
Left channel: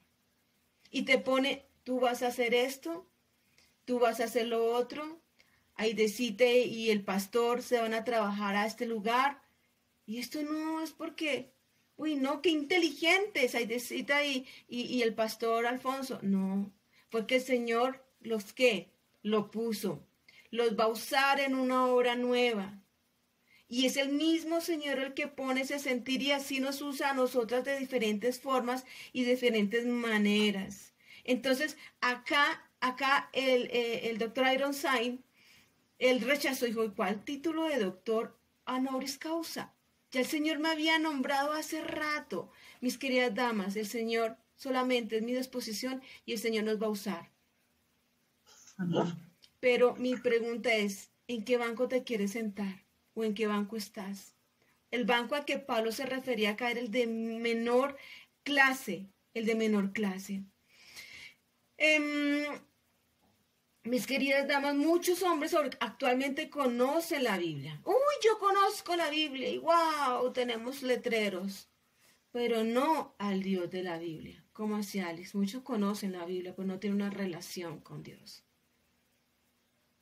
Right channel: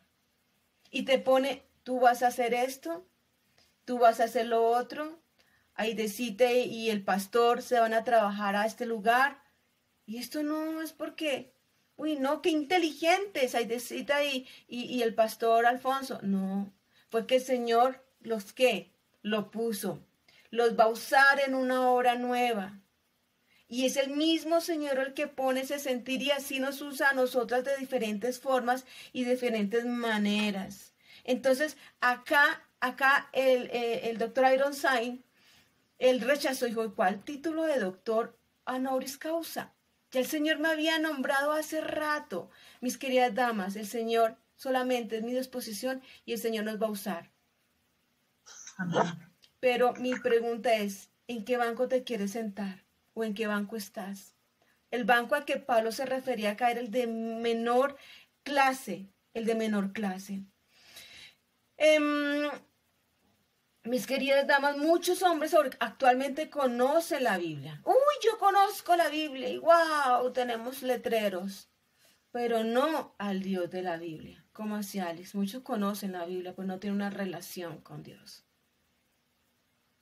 Y te pone, tú vas a hacer esto, tú vas a hacer lo otro. Aidecita y el pastor se van a trabajar a este lugar. Y esto no es porque, uy, no, qué inteligentes, Aidecita y el pastor Alfonso. No, porque el Señor lo puso. Los va a usar en una obra nueva. Y es el mismo Señor el que pone ese sentir y así nos usa a nosotras de diferentes formas y diferentes maneras. Entonces, acá el doctor Ironside, él rechazó, dijo, ¿cuál título de doctor honoris causa? Ya el Señor me había nombrado hace rato. Mis queridas damas, el Señor solamente es mi disposición y el Señor nos va a usar. Amén. Pero mi pregunta es, ¿en qué banco te quieres sentar? ¿O en qué banco estás? El banco al que Pablo se refería acá era el de menor clase, Mis queridas damas, muchos hombres actualmente conocen la Biblia. Uy, yo conozco la Biblia y wow, tenemos letreros. Pero no al Dios de la Biblia. Como así, Alex? Muchos conocen la Biblia, pero no tienen una relación con Dios.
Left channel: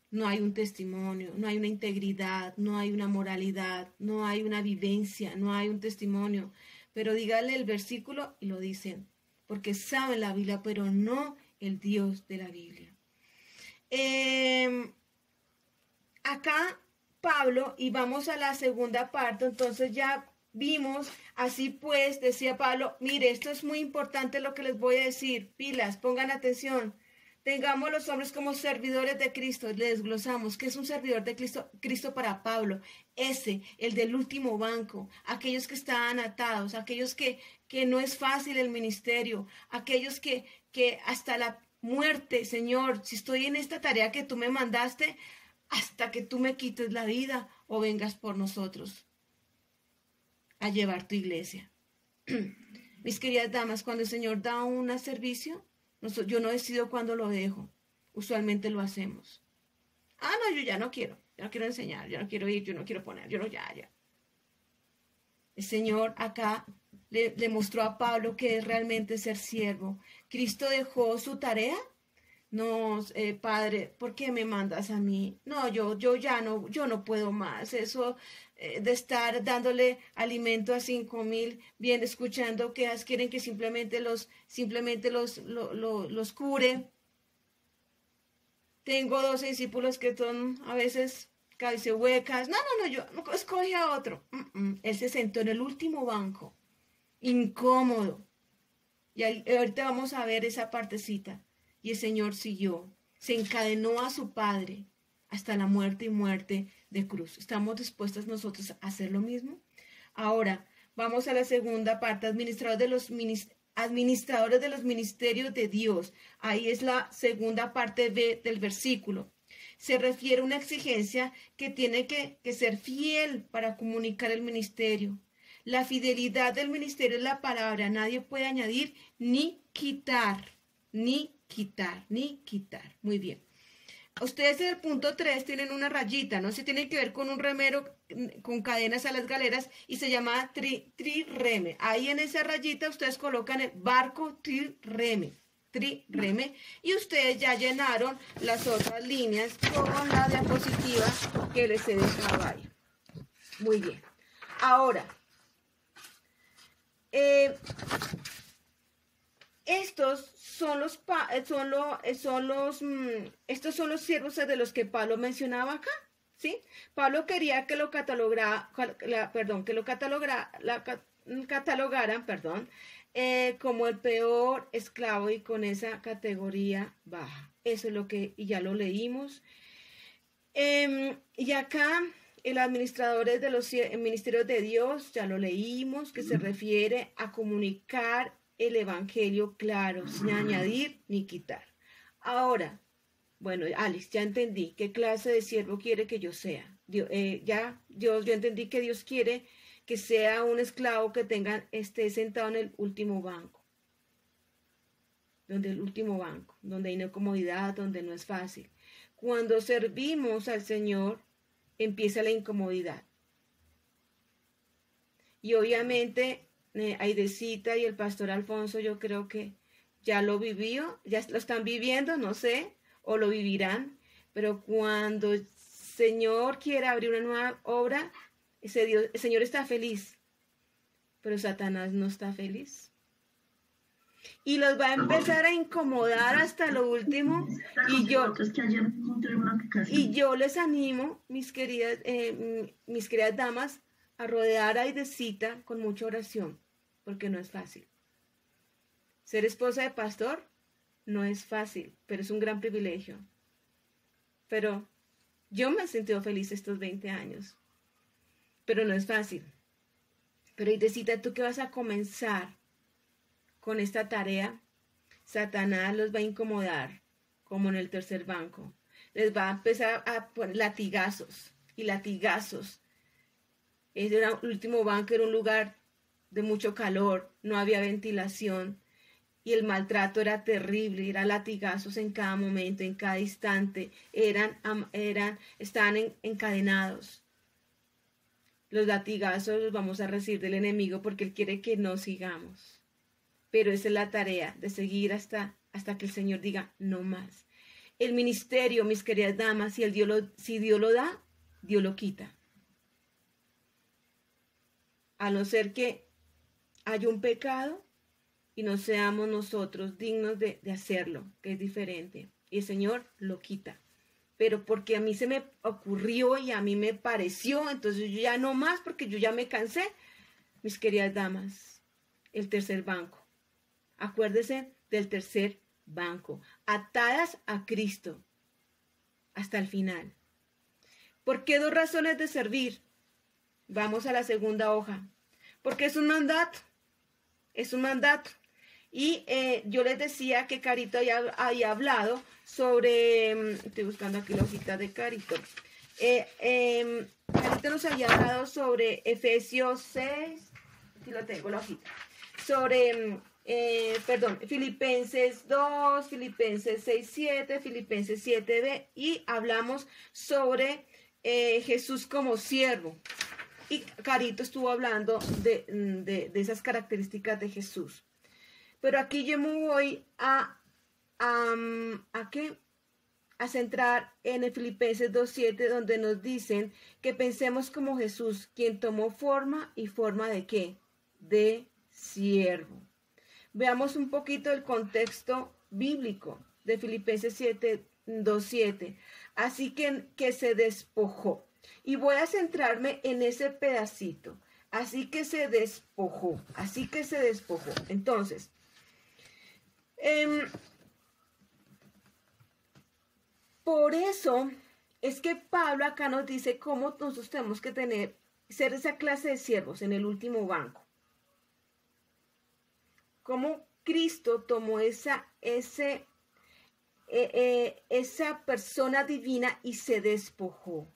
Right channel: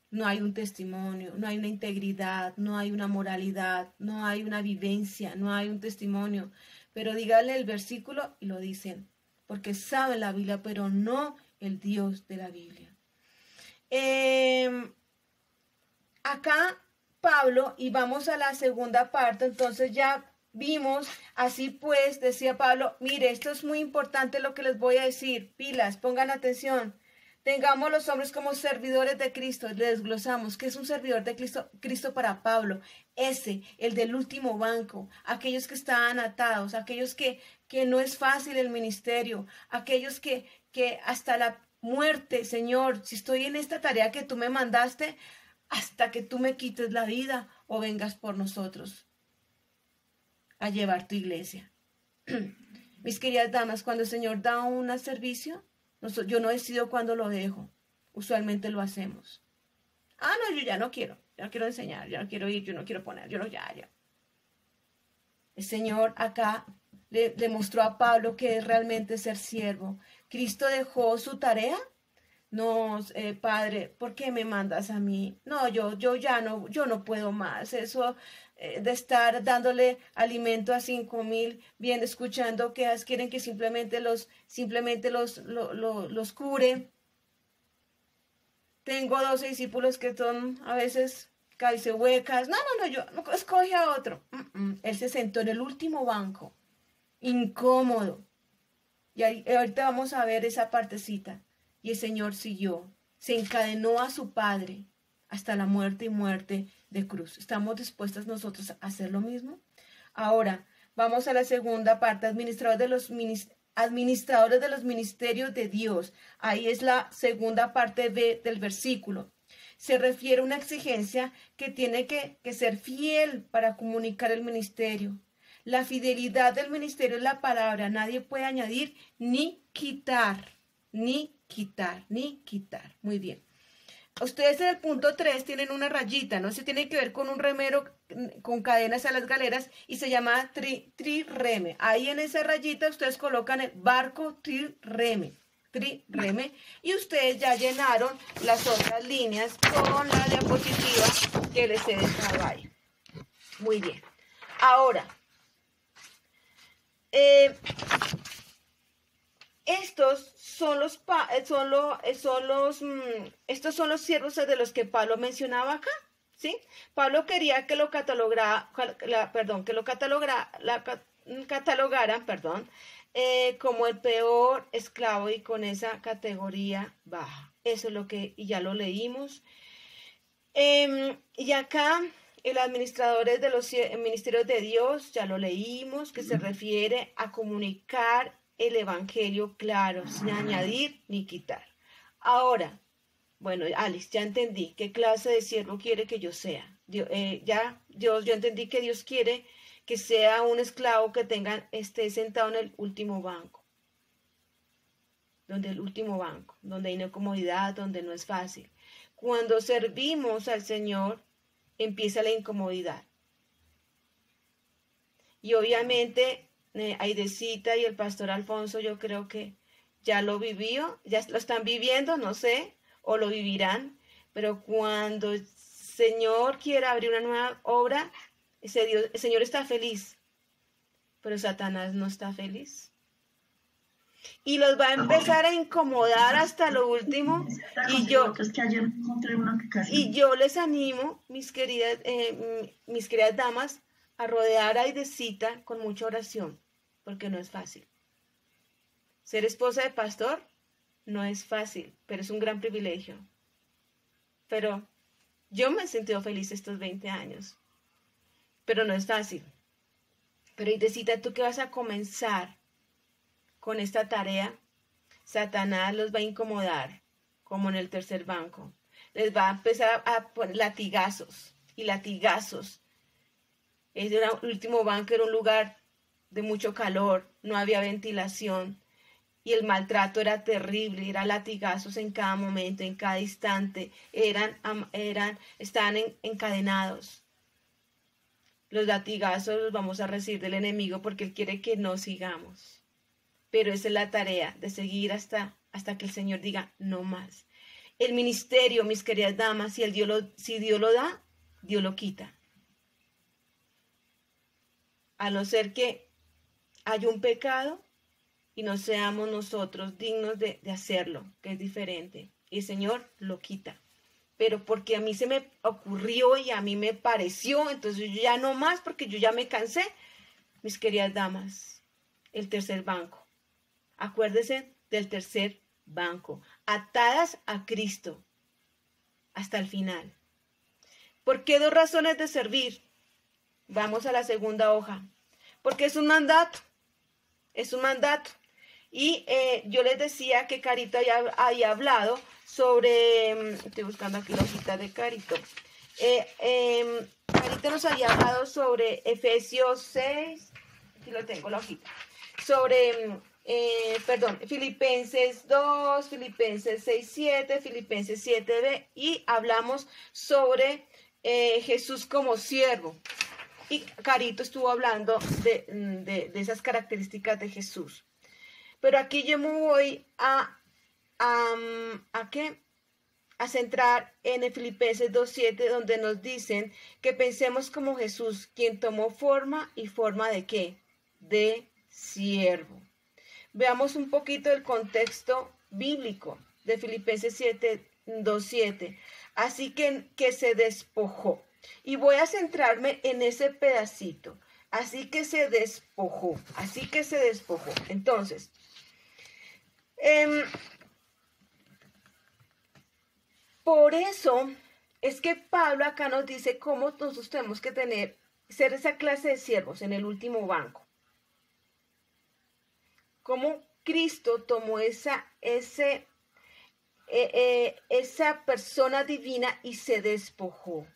No hay un testimonio, no hay una integridad, no hay una moralidad, no hay una vivencia, no hay un testimonio. Pero dígale el versículo y lo dicen, porque saben la Biblia, pero no el Dios de la Biblia. Acá Pablo, y vamos a la segunda parte, entonces ya vimos, así pues, decía Pablo, mire, esto es muy importante lo que les voy a decir, pilas, pongan atención. Tengamos los hombres como servidores de Cristo. Le desglosamos. ¿Qué es un servidor de Cristo para Pablo? El del último banco. Aquellos que estaban atados. Aquellos que no es fácil el ministerio. Aquellos que hasta la muerte, Señor, si estoy en esta tarea que tú me mandaste, hasta que tú me quites la vida o vengas por nosotros a llevar tu iglesia. Mis queridas damas, cuando el Señor da un servicio, yo no decido cuándo lo dejo. Usualmente lo hacemos. No, yo ya no quiero enseñar, yo no quiero ir, yo no quiero poner, ya. El Señor acá le mostró a Pablo que es realmente ser siervo. Cristo dejó su tarea. No, Padre, ¿por qué me mandas a mí? No, yo no puedo más. Eso de estar dándole alimento a 5,000, bien escuchando que quieren que simplemente los curen. Tengo 12 discípulos que son a veces cabecehuecas. No, yo escoge a otro. Él se sentó en el último banco, incómodo. Y ahorita vamos a ver esa partecita. Y el Señor siguió, se encadenó a su Padre hasta la muerte y muerte de cruz. ¿Estamos dispuestos nosotros a hacer lo mismo? Ahora, vamos a la segunda parte, administradores de los ministerios de Dios. Ahí es la segunda parte del versículo. Se refiere a una exigencia que tiene que ser fiel para comunicar el ministerio. La fidelidad del ministerio es la palabra. Nadie puede añadir ni quitar. Muy bien. Ustedes en el punto 3 tienen una rayita, ¿no? Se tiene que ver con un remero con cadenas a las galeras y se llama trireme. Ahí en esa rayita ustedes colocan el barco trireme. Y ustedes ya llenaron las otras líneas con la diapositiva que les he dejado ahí. Muy bien. Ahora, estos son los siervos de los que Pablo mencionaba acá, ¿sí? Pablo quería que lo catalogaran, como el peor esclavo y con esa categoría baja. Eso es lo que ya lo leímos. Y acá el administrador de los ministerios de Dios, ya lo leímos, que se refiere a comunicar el evangelio claro, sin añadir ni quitar. Ahora, bueno, Alex, ya entendí qué clase de siervo quiere que yo sea. Yo entendí que Dios quiere que sea un esclavo que esté sentado en el último banco. Donde hay no comodidad, donde no es fácil. Cuando servimos al Señor, empieza la incomodidad. Y obviamente, Aidecita y el pastor Alfonso, yo creo que ya lo vivió, ya lo están viviendo, no sé, o lo vivirán, pero cuando el Señor quiera abrir una nueva obra, el Señor está feliz, pero Satanás no está feliz. Y los va a empezar a incomodar hasta lo último. Y yo les animo, mis queridas damas, a rodear a Aidecita con mucha oración, porque no es fácil. Ser esposa de pastor no es fácil, pero es un gran privilegio. Pero yo me he sentido feliz estos 20 años, pero no es fácil. Pero Aidecita, tú que vas a comenzar con esta tarea, Satanás los va a incomodar, como en el tercer banco. Les va a empezar a poner latigazos y latigazos. El último banco era un lugar de mucho calor, no había ventilación y el maltrato era terrible, eran latigazos en cada momento, en cada instante, estaban encadenados. Los latigazos los vamos a recibir del enemigo porque él quiere que no sigamos. Pero esa es la tarea, de seguir hasta que el Señor diga no más. El ministerio, mis queridas damas, si Dios lo da, Dios lo quita. A no ser que haya un pecado y no seamos nosotros dignos de hacerlo, que es diferente. Y el Señor lo quita. Pero porque a mí se me ocurrió y a mí me pareció, entonces yo ya no más porque yo ya me cansé. Mis queridas damas, el tercer banco. Acuérdese del tercer banco, atadas a Cristo hasta el final. ¿Por qué 2 razones de servir? Vamos a la segunda hoja. Porque es un mandato. Y yo les decía que Carito había hablado sobre, estoy buscando aquí la hojita de Carito. Carito nos había hablado sobre Efesios 6, aquí lo tengo la hojita, sobre... Filipenses 2, Filipenses 6, 7, Filipenses 7b, y hablamos sobre Jesús como siervo. Y Carito estuvo hablando de esas características de Jesús. Pero aquí yo me voy a centrar en el Filipenses 2:7, donde nos dicen que pensemos como Jesús, quien tomó forma ¿de qué? De siervo. Veamos un poquito el contexto bíblico de Filipenses 2:7. Así que se despojó. Y voy a centrarme en ese pedacito. Así que se despojó. Entonces, por eso es que Pablo acá nos dice cómo nosotros tenemos que ser esa clase de siervos en el último banco. Cómo Cristo tomó esa persona divina y se despojó.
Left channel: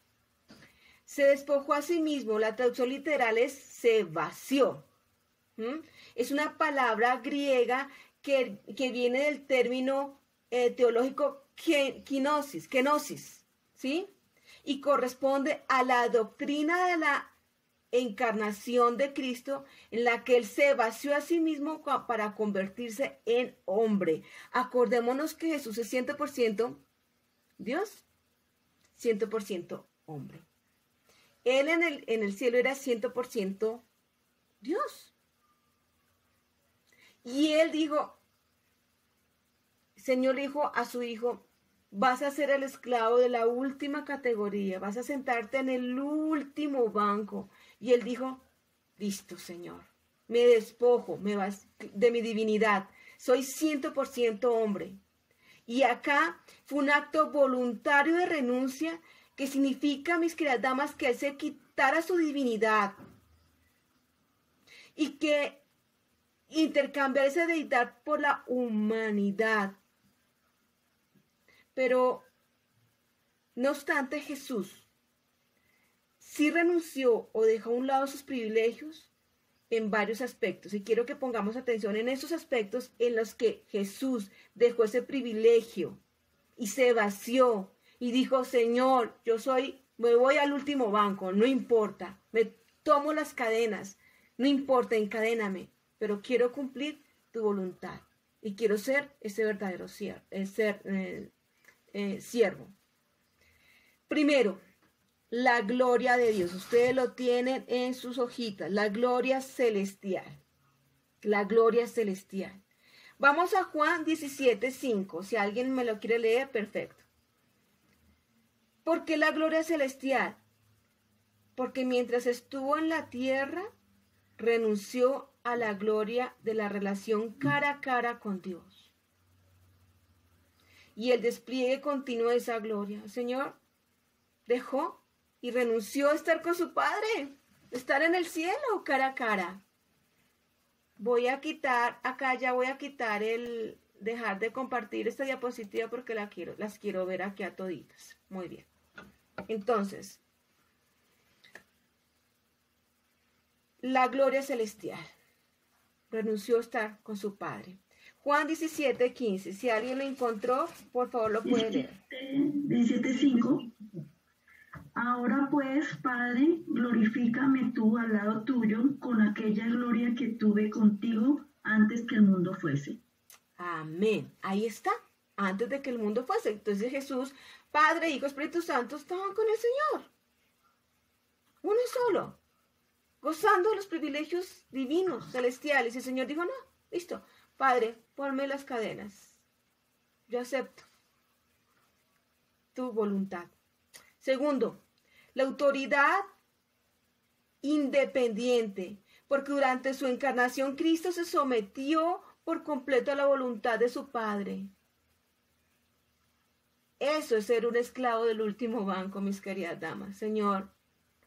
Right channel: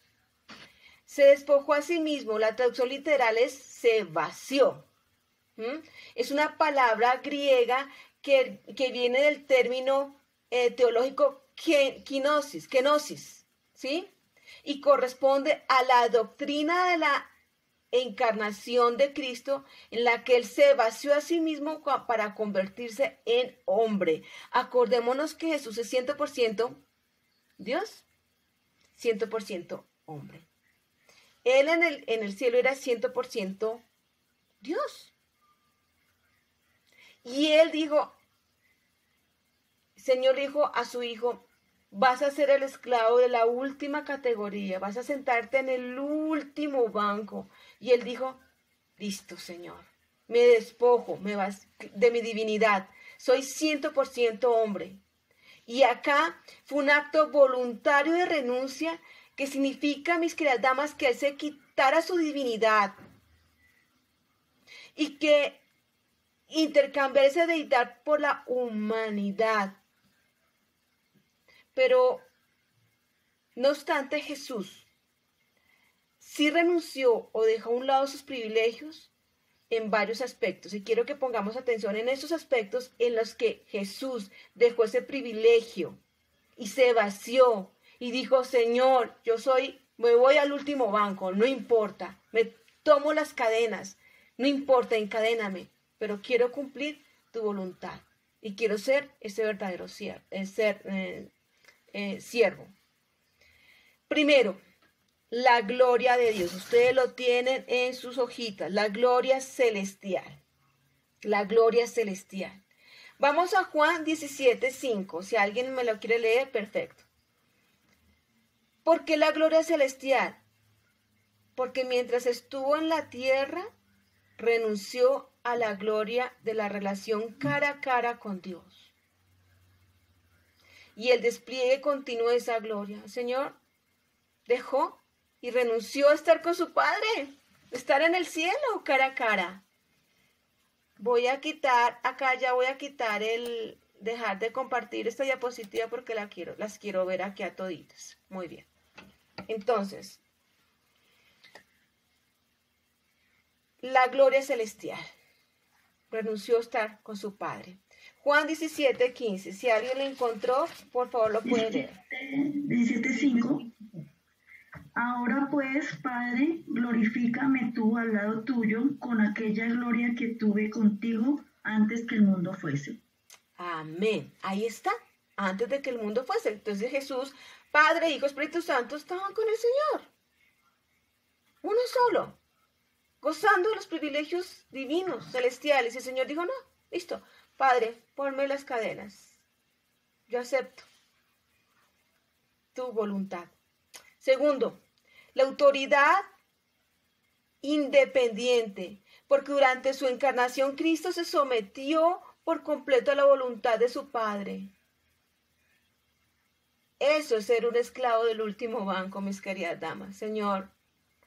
Se despojó a sí mismo. La traducción literal es se vació. Es una palabra griega que viene del término teológico kenosis, ¿sí? Y corresponde a la doctrina de la encarnación de Cristo, en la que él se vació a sí mismo para convertirse en hombre. Acordémonos que Jesús es 100% Dios, 100% hombre. Él en el cielo era 100% Dios. Y él dijo, El Señor le dijo a su hijo, vas a ser el esclavo de la última categoría, vas a sentarte en el último banco. Y él dijo, listo, Señor, me despojo de mi divinidad, soy 100% hombre. Y acá fue un acto voluntario de renuncia que significa, mis queridas damas, que él se quitara su divinidad y que intercambiar esa deidad por la humanidad. Pero, no obstante, Jesús sí renunció o dejó a un lado sus privilegios en varios aspectos. Y quiero que pongamos atención en esos aspectos en los que Jesús dejó ese privilegio y se vació y dijo, Señor, me voy al último banco, no importa, me tomo las cadenas, no importa, encadéname, pero quiero cumplir tu voluntad y quiero ser ese verdadero siervo. Primero, la gloria de Dios. Ustedes lo tienen en sus hojitas. La gloria celestial. La gloria celestial. Vamos a Juan 17:5. Si alguien me lo quiere leer, perfecto. ¿Por qué la gloria celestial? Porque mientras estuvo en la tierra, renunció a la gloria de la relación cara a cara con Dios. Y el despliegue continuo de esa gloria. El Señor dejó y renunció a estar con su Padre, estar en el cielo cara a cara. Voy a quitar el dejar de compartir esta diapositiva porque las quiero ver aquí a toditas. Muy bien. Entonces, la gloria celestial. Renunció a estar con su Padre. Juan 17:15. Si alguien lo encontró, por favor lo puede leer. 17:5. Ahora pues, Padre, glorifícame tú al lado tuyo con aquella gloria que tuve contigo antes que el mundo fuese. Amén. Ahí está. Antes de que el mundo fuese. Entonces Jesús, Padre, Hijo, Espíritu Santo estaban con el Señor. Uno solo. Gozando de los privilegios divinos, celestiales. Y el Señor dijo, no, listo. Padre, ponme las cadenas. Yo acepto tu voluntad. Segundo, la autoridad independiente, porque durante su encarnación Cristo se sometió por completo a la voluntad de su Padre. Eso es ser un esclavo del último banco, mis queridas damas. Señor,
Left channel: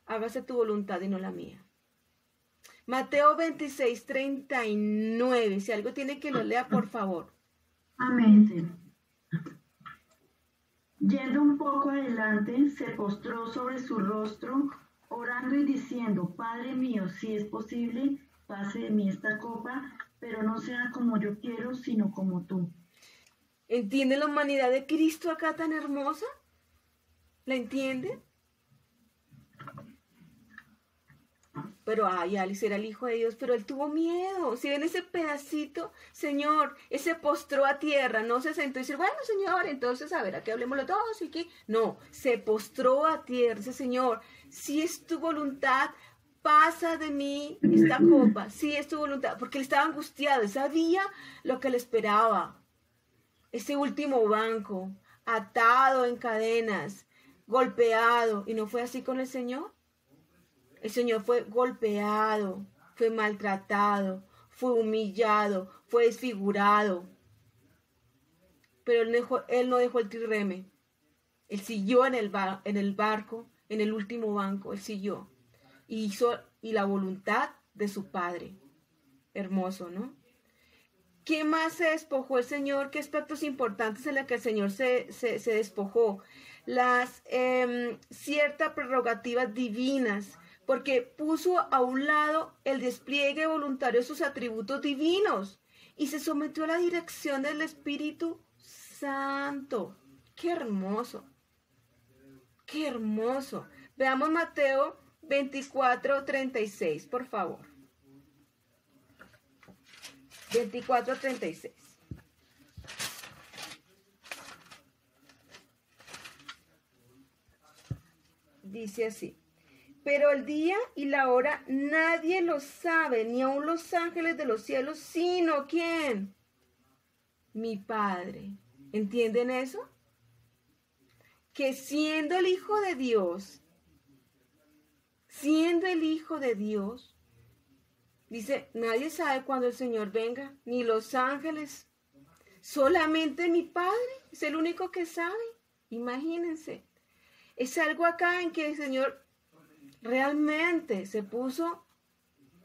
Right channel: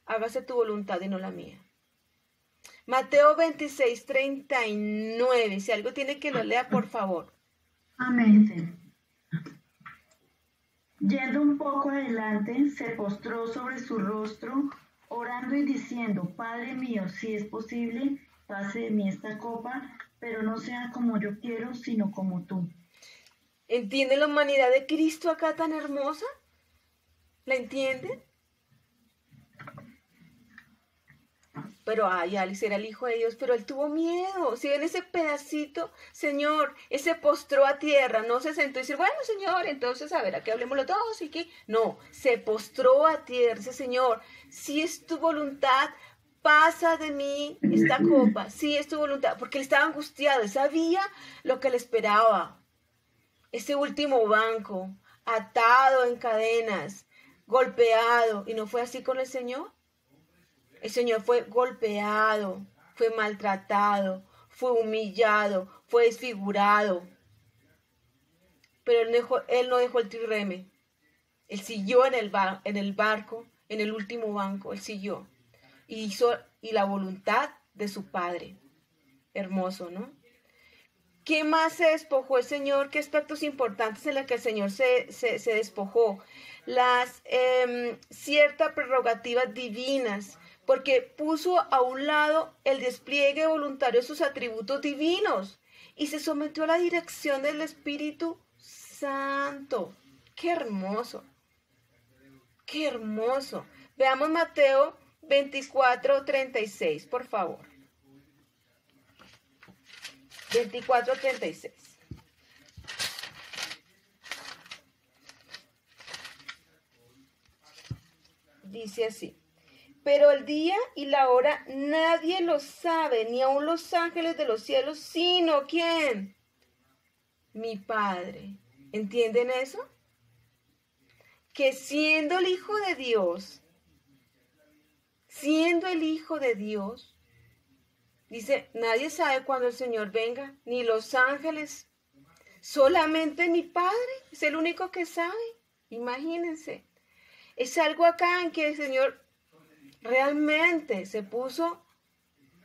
hágase tu voluntad y no la mía. Mateo 26:39. Si algo tiene que lo lea, por favor. Amén. Yendo un poco adelante, se postró sobre su rostro, orando y diciendo, Padre mío, si es posible, pase de mí esta copa, pero no sea como yo quiero, sino como tú. ¿Entiende la humanidad de Cristo acá tan hermosa? ¿La entienden? Pero Alice era el Hijo de Dios, pero él tuvo miedo. Si ven ese pedacito, Señor, él se postró a tierra, no se sentó y dice, bueno, Señor, entonces a ver, aquí hablemos los dos y que no, se postró a tierra, dice, Señor, si es tu voluntad, pasa de mí esta copa, si es tu voluntad, porque él estaba angustiado, él sabía lo que le esperaba. Ese último banco, atado en cadenas, golpeado, ¿y no fue así con el Señor? El Señor fue golpeado, fue maltratado, fue humillado, fue desfigurado. Pero él no dejó el trireme. Él siguió en el barco, en el último banco, él siguió. Y hizo la voluntad de su Padre. Hermoso, ¿no? ¿Qué más se despojó el Señor? ¿Qué aspectos importantes en los que el Señor se despojó? Las ciertas prerrogativas divinas, porque puso a un lado el despliegue voluntario de sus atributos divinos y se sometió a la dirección del Espíritu Santo. ¡Qué hermoso! ¡Qué hermoso! Veamos Mateo 24:36, por favor. 24:36. Dice así. Pero el día y la hora nadie lo sabe, ni aun los ángeles de los cielos, sino ¿quién? Mi Padre. ¿Entienden eso? Que siendo el Hijo de Dios, dice, nadie sabe cuándo el Señor venga, ni los ángeles, solamente mi Padre, es el único que sabe. Imagínense, es algo acá en que el Señor realmente se puso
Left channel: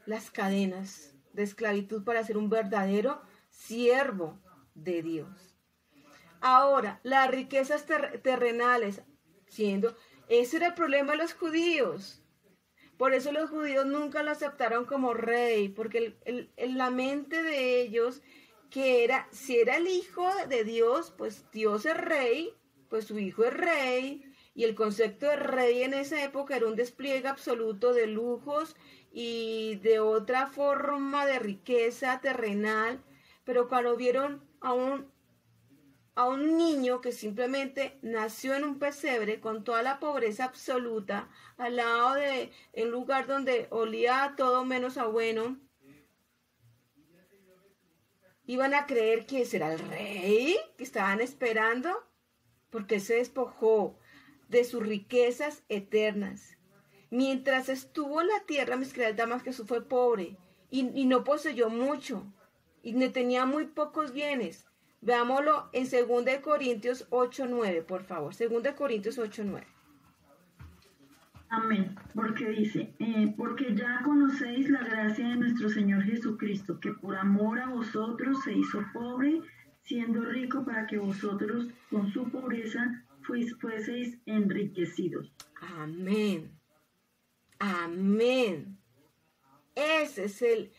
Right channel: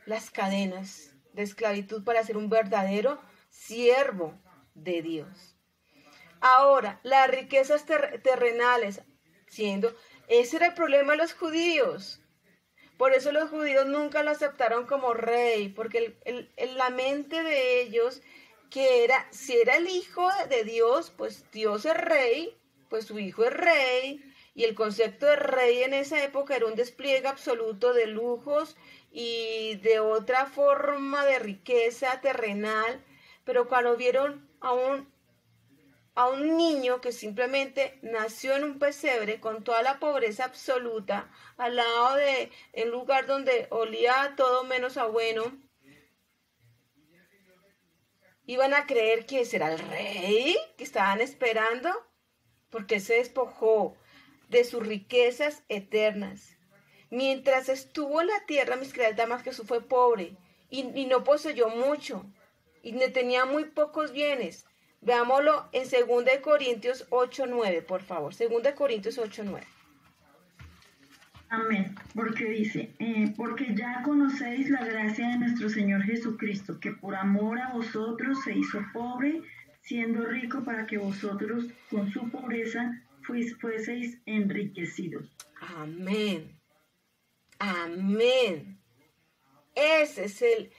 las cadenas de esclavitud para ser un verdadero siervo de Dios. Ahora, las riquezas terrenales, ese era el problema de los judíos. Por eso los judíos nunca lo aceptaron como rey, porque la mente de ellos, que era, si era el Hijo de Dios, pues Dios es rey, pues su Hijo es rey, y el concepto de rey en esa época era un despliegue absoluto de lujos y de otra forma de riqueza terrenal, pero cuando vieron a un niño que simplemente nació en un pesebre con toda la pobreza absoluta, al lado de un lugar donde olía a todo menos a bueno, iban a creer que ese era el rey que estaban esperando, porque él se despojó de sus riquezas eternas. Mientras estuvo en la tierra, mis queridas damas, Jesús fue pobre y no poseyó mucho y tenía muy pocos bienes. Veámoslo en 2 Corintios 8:9, por favor. 2 Corintios 8:9. Amén, porque dice, porque ya conocéis la gracia de nuestro Señor Jesucristo, que por amor a vosotros se hizo pobre, siendo rico para que vosotros con su pobreza fueseis enriquecidos. Amén. Amén. Ese es el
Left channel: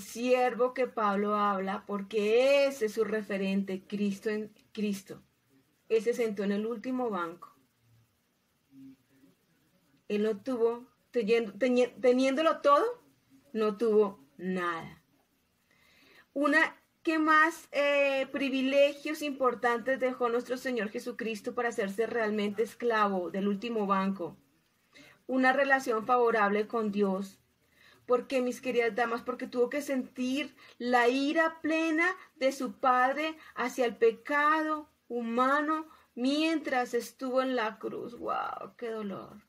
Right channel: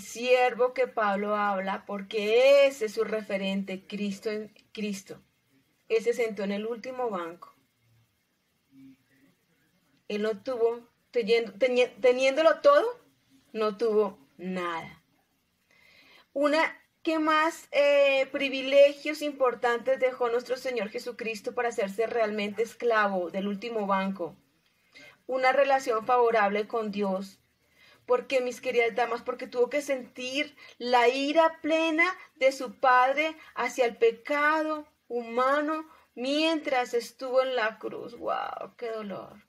siervo que Pablo habla, porque ese es su referente, Cristo en Cristo. Él se sentó en el último banco. Él no tuvo, teniéndolo todo, no tuvo nada. ¿Qué más privilegios importantes dejó nuestro Señor Jesucristo para hacerse realmente esclavo del último banco? Una relación favorable con Dios. Porque, mis queridas damas, porque tuvo que sentir la ira plena de su Padre hacia el pecado humano mientras estuvo en la cruz. ¡Wow! ¡Qué dolor!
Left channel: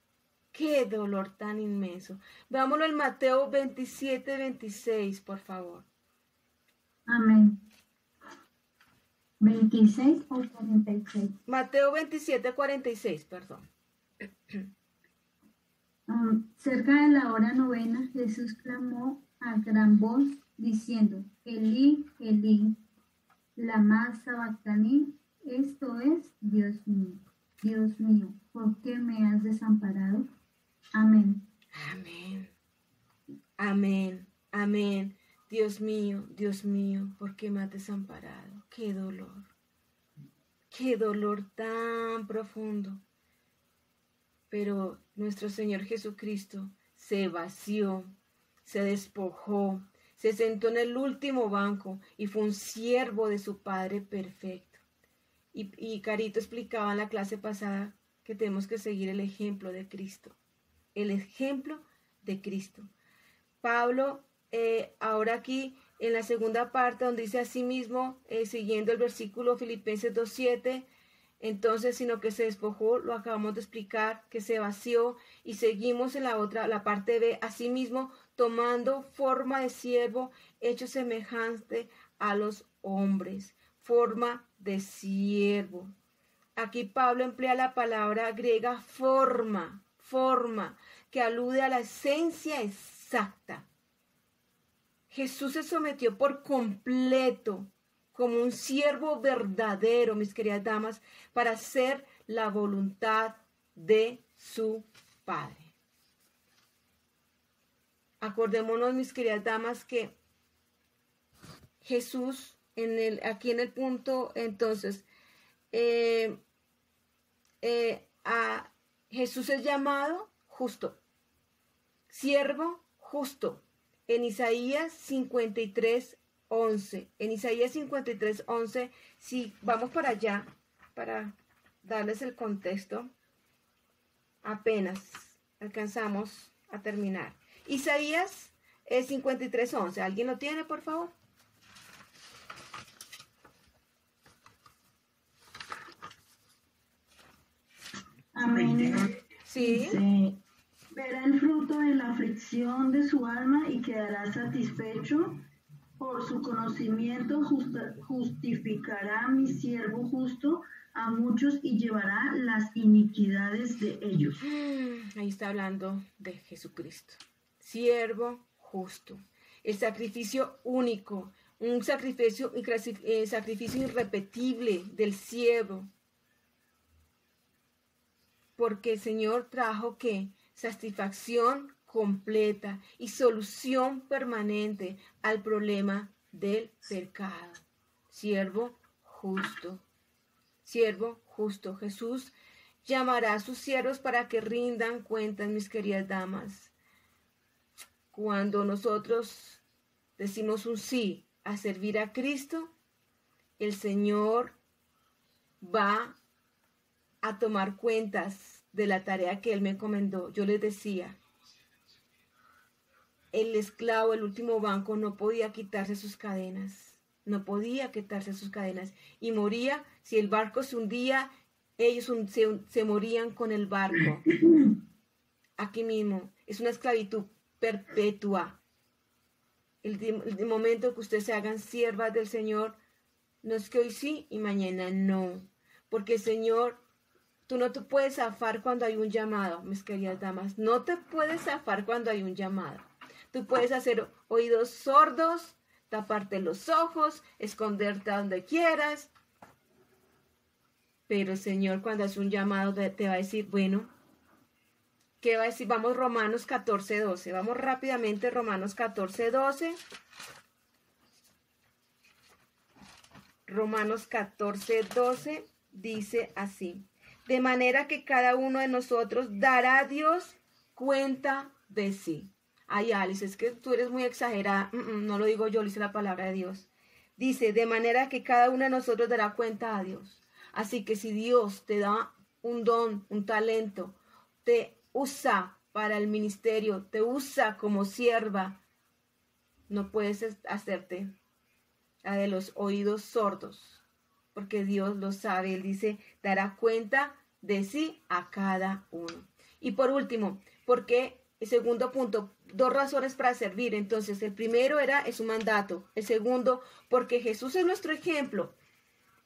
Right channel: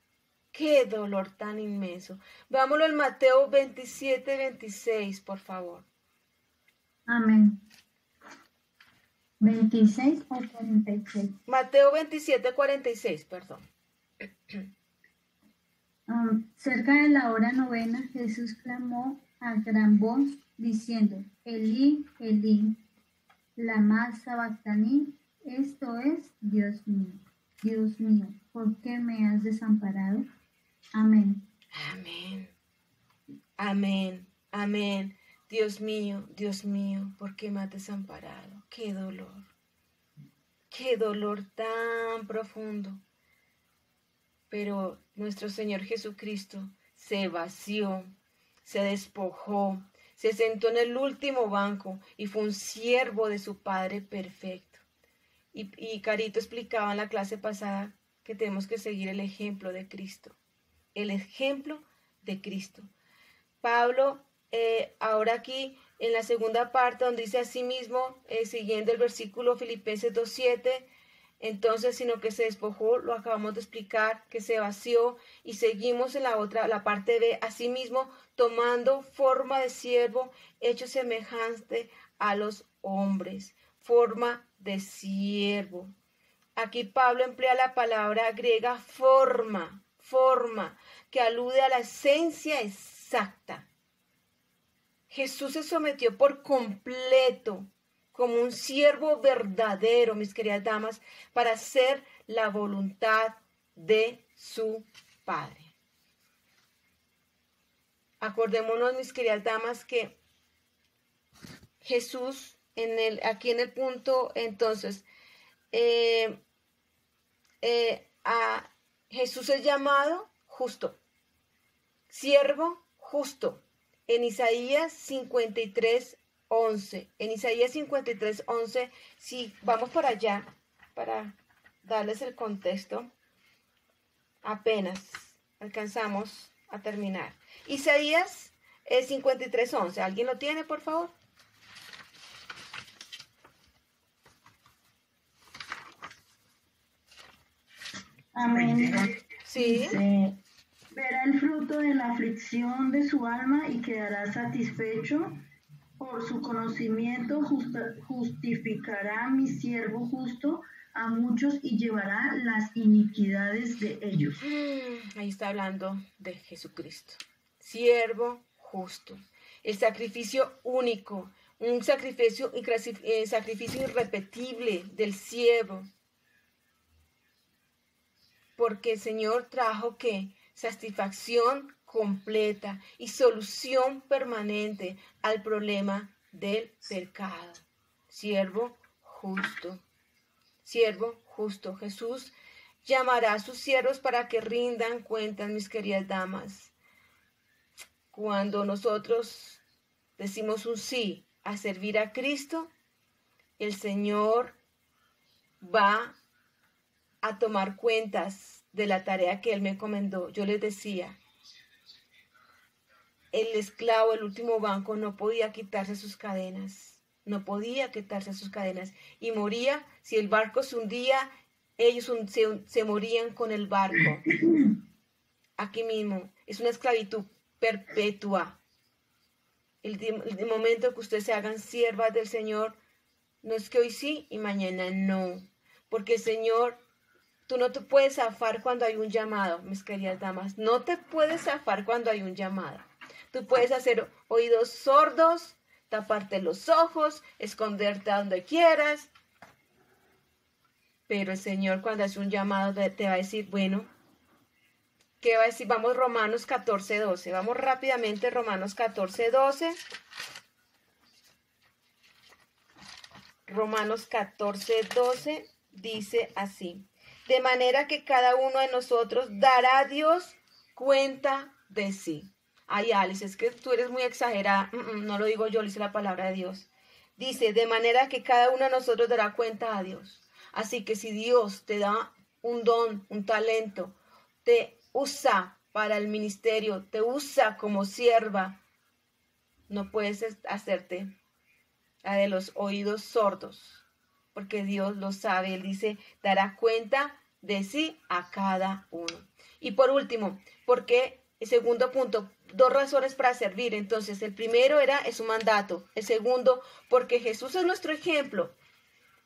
¡Qué dolor tan inmenso! Veámoslo en Mateo 27:26, por favor. Amén. 26 o 46. Mateo 27:46, perdón. Cerca de la hora novena, Jesús clamó a gran voz, diciendo, Elí, Elí, lama sabactani, esto es, Dios mío, ¿por qué me has desamparado? Amén. Amén. Amén. Amén. Dios mío, ¿por qué me has desamparado? ¡Qué dolor! ¡Qué dolor tan profundo! Pero nuestro Señor Jesucristo se vació, se despojó, se sentó en el último banco y fue un siervo de su Padre perfecto. Y Carito explicaba en la clase pasada que tenemos que seguir el ejemplo de Cristo. El ejemplo de Cristo. Pablo, ahora aquí en la segunda parte donde dice así mismo, siguiendo el versículo Filipenses 2:7, entonces, sino que se despojó, lo acabamos de explicar, que se vació, y seguimos en la parte B, asimismo, tomando forma de siervo, hecho semejante a los hombres, forma de siervo. Aquí Pablo emplea la palabra griega forma, que alude a la esencia exacta. Jesús se sometió por completo como un siervo verdadero, mis queridas damas, para hacer la voluntad de su Padre. Acordémonos, mis queridas damas, que Jesús, aquí en el punto, entonces, a Jesús es llamado justo, siervo justo, en Isaías 53:11. En Isaías 53:11, si vamos para allá, para darles el contexto, apenas alcanzamos a terminar. Isaías 53:11, ¿alguien lo tiene, por favor? Amén. Sí. Dice, verá el fruto de la aflicción de su alma y quedará satisfecho. Por su conocimiento justificará mi siervo justo a muchos y llevará las iniquidades de ellos. Ahí está hablando de Jesucristo. Siervo justo. El sacrificio único. Un sacrificio irrepetible del siervo. Porque el Señor trajo ¿qué? Satisfacción completa y solución permanente al problema del pecado. Siervo justo. Siervo justo. Jesús llamará a sus siervos para que rindan cuentas, mis queridas damas. Cuando nosotros decimos un sí a servir a Cristo, el Señor va a tomar cuentas de la tarea que Él me encomendó. Yo les decía, el esclavo, el último banco, no podía quitarse sus cadenas. No podía quitarse sus cadenas. Y moría, si el barco se hundía, ellos se morían con el barco. Aquí mismo, es una esclavitud perpetua. El momento que ustedes se hagan siervas del Señor, no es que hoy sí y mañana no. Porque el Señor, tú no te puedes zafar cuando hay un llamado, mis queridas damas. No te puedes zafar cuando hay un llamado. Tú puedes hacer oídos sordos, taparte los ojos, esconderte a donde quieras. Pero el Señor cuando hace un llamado te va a decir, bueno, ¿qué va a decir? Vamos Romanos 14:12. Vamos rápidamente Romanos 14:12. Romanos 14:12 dice así. De manera que cada uno de nosotros dará a Dios cuenta de sí. Ay, Alice, es que tú eres muy exagerada. No lo digo yo, lo dice la palabra de Dios. Dice, de manera que cada uno de nosotros dará cuenta a Dios. Así que si Dios te da un don, un talento, te usa para el ministerio, te usa como sierva, no puedes hacerte la de los oídos sordos, porque Dios lo sabe. Él dice, dará cuenta de sí a cada uno. Y por último, porque el segundo punto, 2 razones para servir. Entonces, el primero es un mandato. El segundo, porque Jesús es nuestro ejemplo.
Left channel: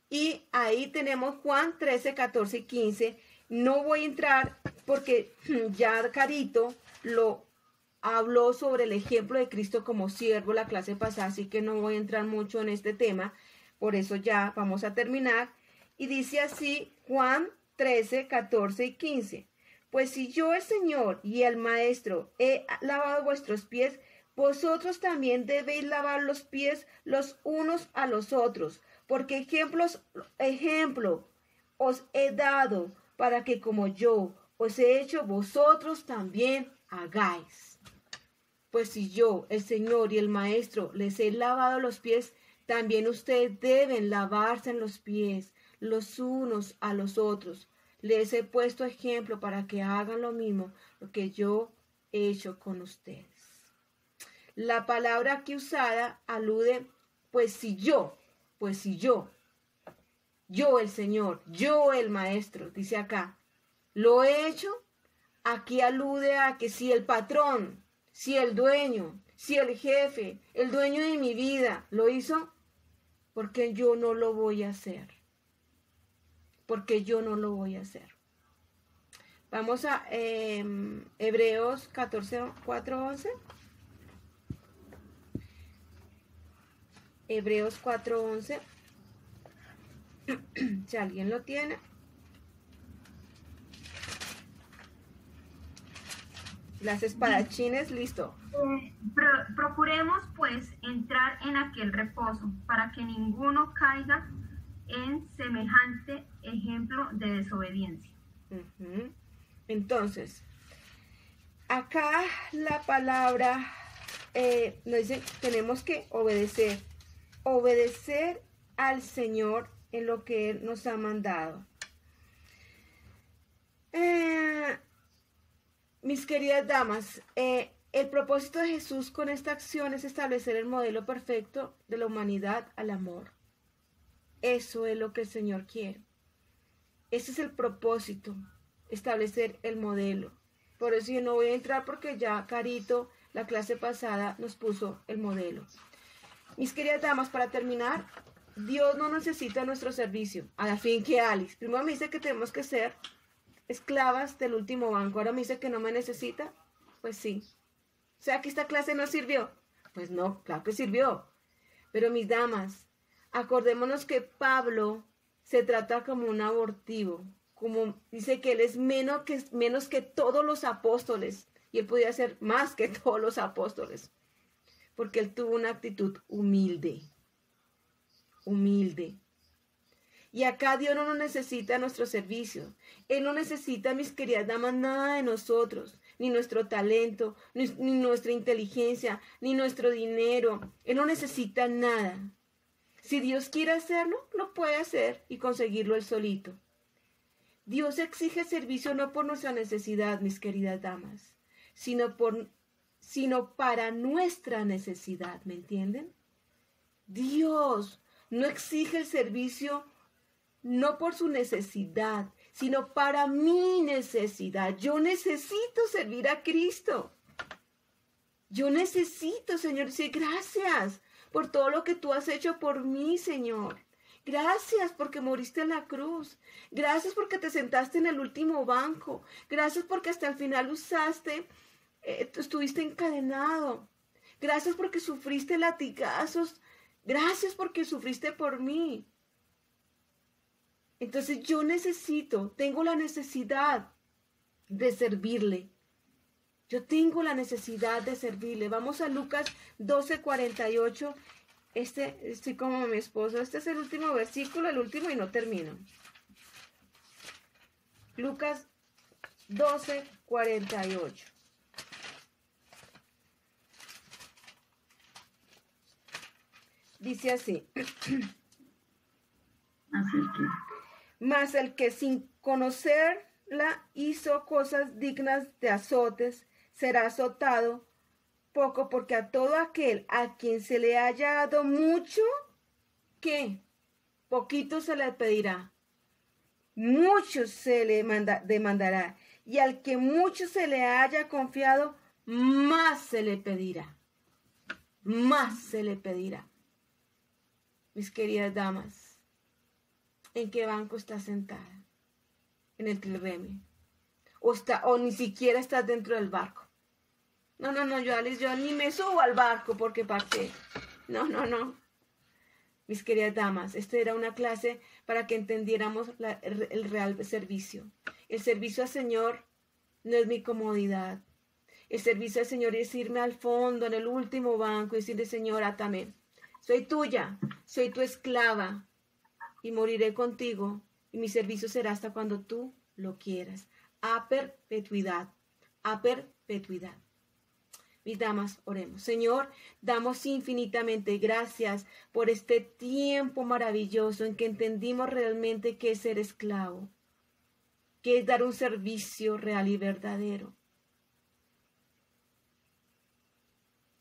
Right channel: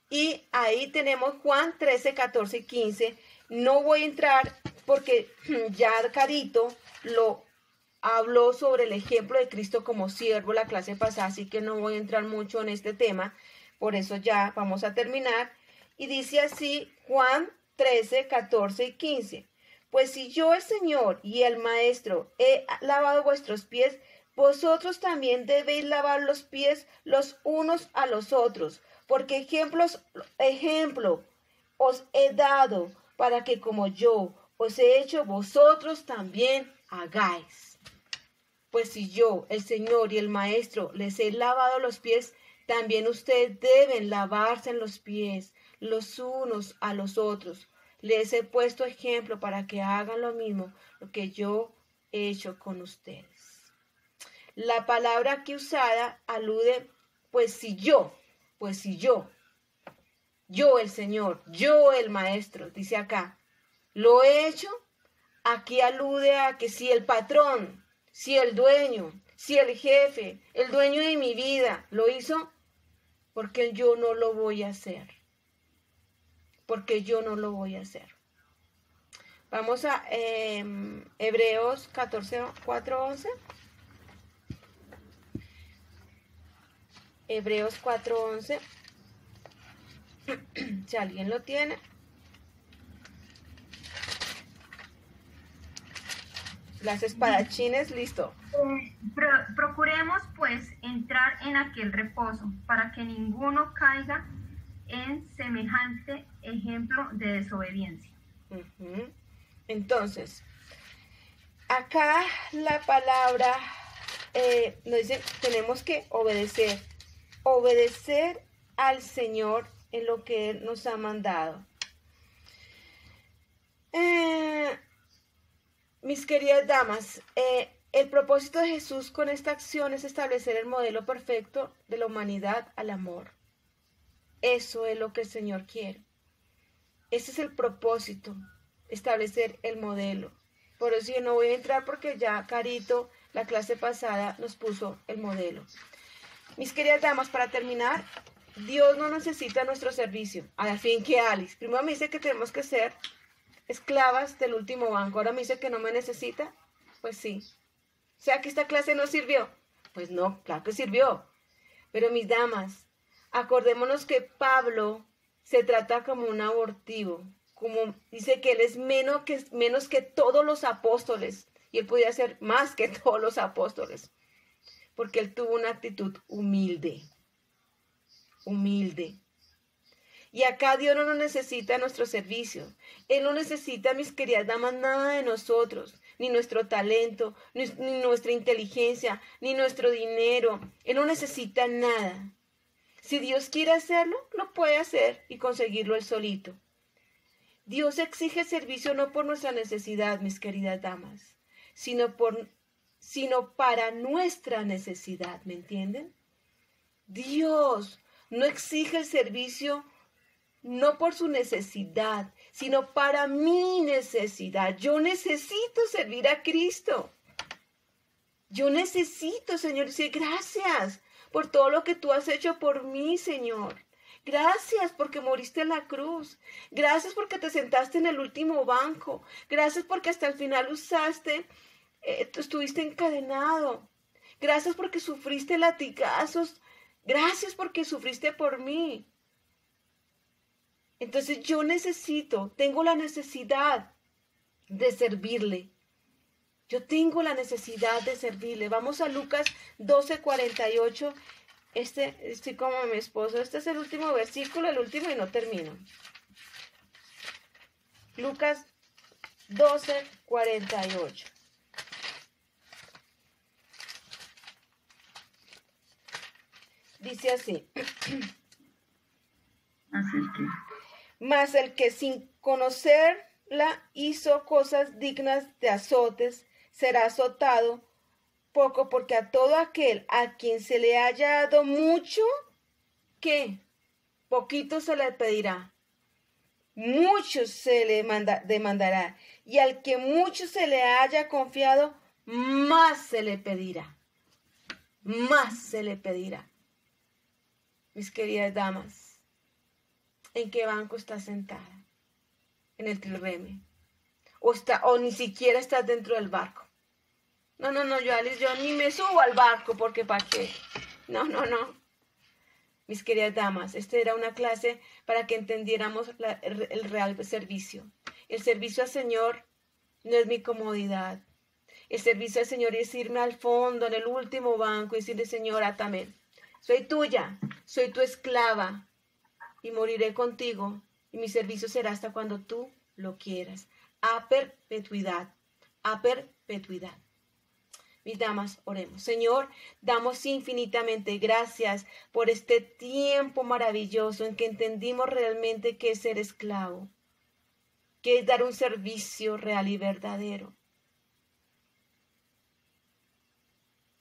Y ahí tenemos Juan 13, 14 y 15. No voy a entrar porque ya Carito lo habló sobre el ejemplo de Cristo como siervo la clase pasada, así que no voy a entrar mucho en este tema. Por eso ya vamos a terminar. Y dice así Juan 13, 14 y 15. Pues si yo, el Señor y el Maestro, he lavado vuestros pies, vosotros también debéis lavar los pies los unos a los otros, porque ejemplo os he dado para que como yo os he hecho, vosotros también hagáis. Pues si yo, el Señor y el Maestro, les he lavado los pies, también ustedes deben lavarse los pies los unos a los otros. Les he puesto ejemplo para que hagan lo mismo, lo que yo he hecho con ustedes. La palabra aquí usada alude, pues si yo, el Señor, yo el Maestro, dice acá, lo he hecho, aquí alude a que si el patrón, si el dueño, si el jefe, el dueño de mi vida lo hizo, porque yo no lo voy a hacer. Porque yo no lo voy a hacer. Vamos a Hebreos 14, 4, 11. Hebreos 4, 11. Si alguien lo tiene. Las espadachines, listo. Procuremos pues entrar en aquel reposo para que ninguno caiga en semejante ejemplo de desobediencia. Entonces, acá la palabra nos dice, tenemos que obedecer al Señor en lo que Él nos ha mandado. Mis queridas damas, el propósito de Jesús con esta acción es establecer el modelo perfecto de la humanidad al amor. Eso es lo que el Señor quiere. Ese es el propósito. establecer el modelo. Por eso yo no voy a entrar porque ya Carito, la clase pasada, nos puso el modelo. Mis queridas damas, para terminar, Dios no necesita nuestro servicio. A fin que Alice, primero me dice que tenemos que ser esclavas del último banco, ahora me dice que no me necesita. Pues sí. O sea que esta clase no sirvió. Pues no, claro que sirvió. Pero mis damas, acordémonos que Pablo se trata como un abortivo, como dice que él es menos que todos los apóstoles, y él podía ser más que todos los apóstoles, porque él tuvo una actitud humilde. Y acá Dios no nos necesita nuestro servicio. Él no necesita, mis queridas damas, nada de nosotros, ni nuestro talento, ni nuestra inteligencia, ni nuestro dinero. Él no necesita nada. Si Dios quiere hacerlo, lo puede hacer y conseguirlo él solito. Dios exige servicio no por nuestra necesidad, mis queridas damas, sino para nuestra necesidad, ¿me entienden? Dios no exige el servicio no por su necesidad, sino para mi necesidad. Yo necesito servir a Cristo. Yo necesito, Señor, decir gracias por todo lo que tú has hecho por mí, Señor. Gracias porque moriste en la cruz. Gracias porque te sentaste en el último banco. Gracias porque hasta el final estuviste encadenado. Gracias porque sufriste latigazos. Gracias porque sufriste por mí. Entonces yo tengo la necesidad de servirle. Yo tengo la necesidad de servirle. Vamos a Lucas 12:48. Estoy como mi esposo. Este es el último versículo, el último y no termino. Lucas 12:48. Dice así. Mas el que sin conocerla hizo cosas dignas de azotes, será azotado poco, porque a todo aquel a quien se le haya dado mucho, ¿qué? Poquito se le pedirá, mucho se le demandará, y al que mucho se le haya confiado, más se le pedirá, más se le pedirá. Mis queridas damas, ¿en qué banco estás sentada? ¿En el trirreme? ¿O ni siquiera estás dentro del barco? No, yo ni me subo al barco porque ¿para qué? No. Mis queridas damas, esta era una clase para que entendiéramos el real servicio. El servicio al Señor no es mi comodidad. El servicio al Señor es irme al fondo, en el último banco, y decirle, Señor, átame. Soy tuya, soy tu esclava, y moriré contigo, y mi servicio será hasta cuando tú lo quieras. A perpetuidad, a perpetuidad. Mis damas, oremos. Señor, damos infinitamente gracias por este tiempo maravilloso en que entendimos realmente qué es ser esclavo, qué es dar un servicio real y verdadero.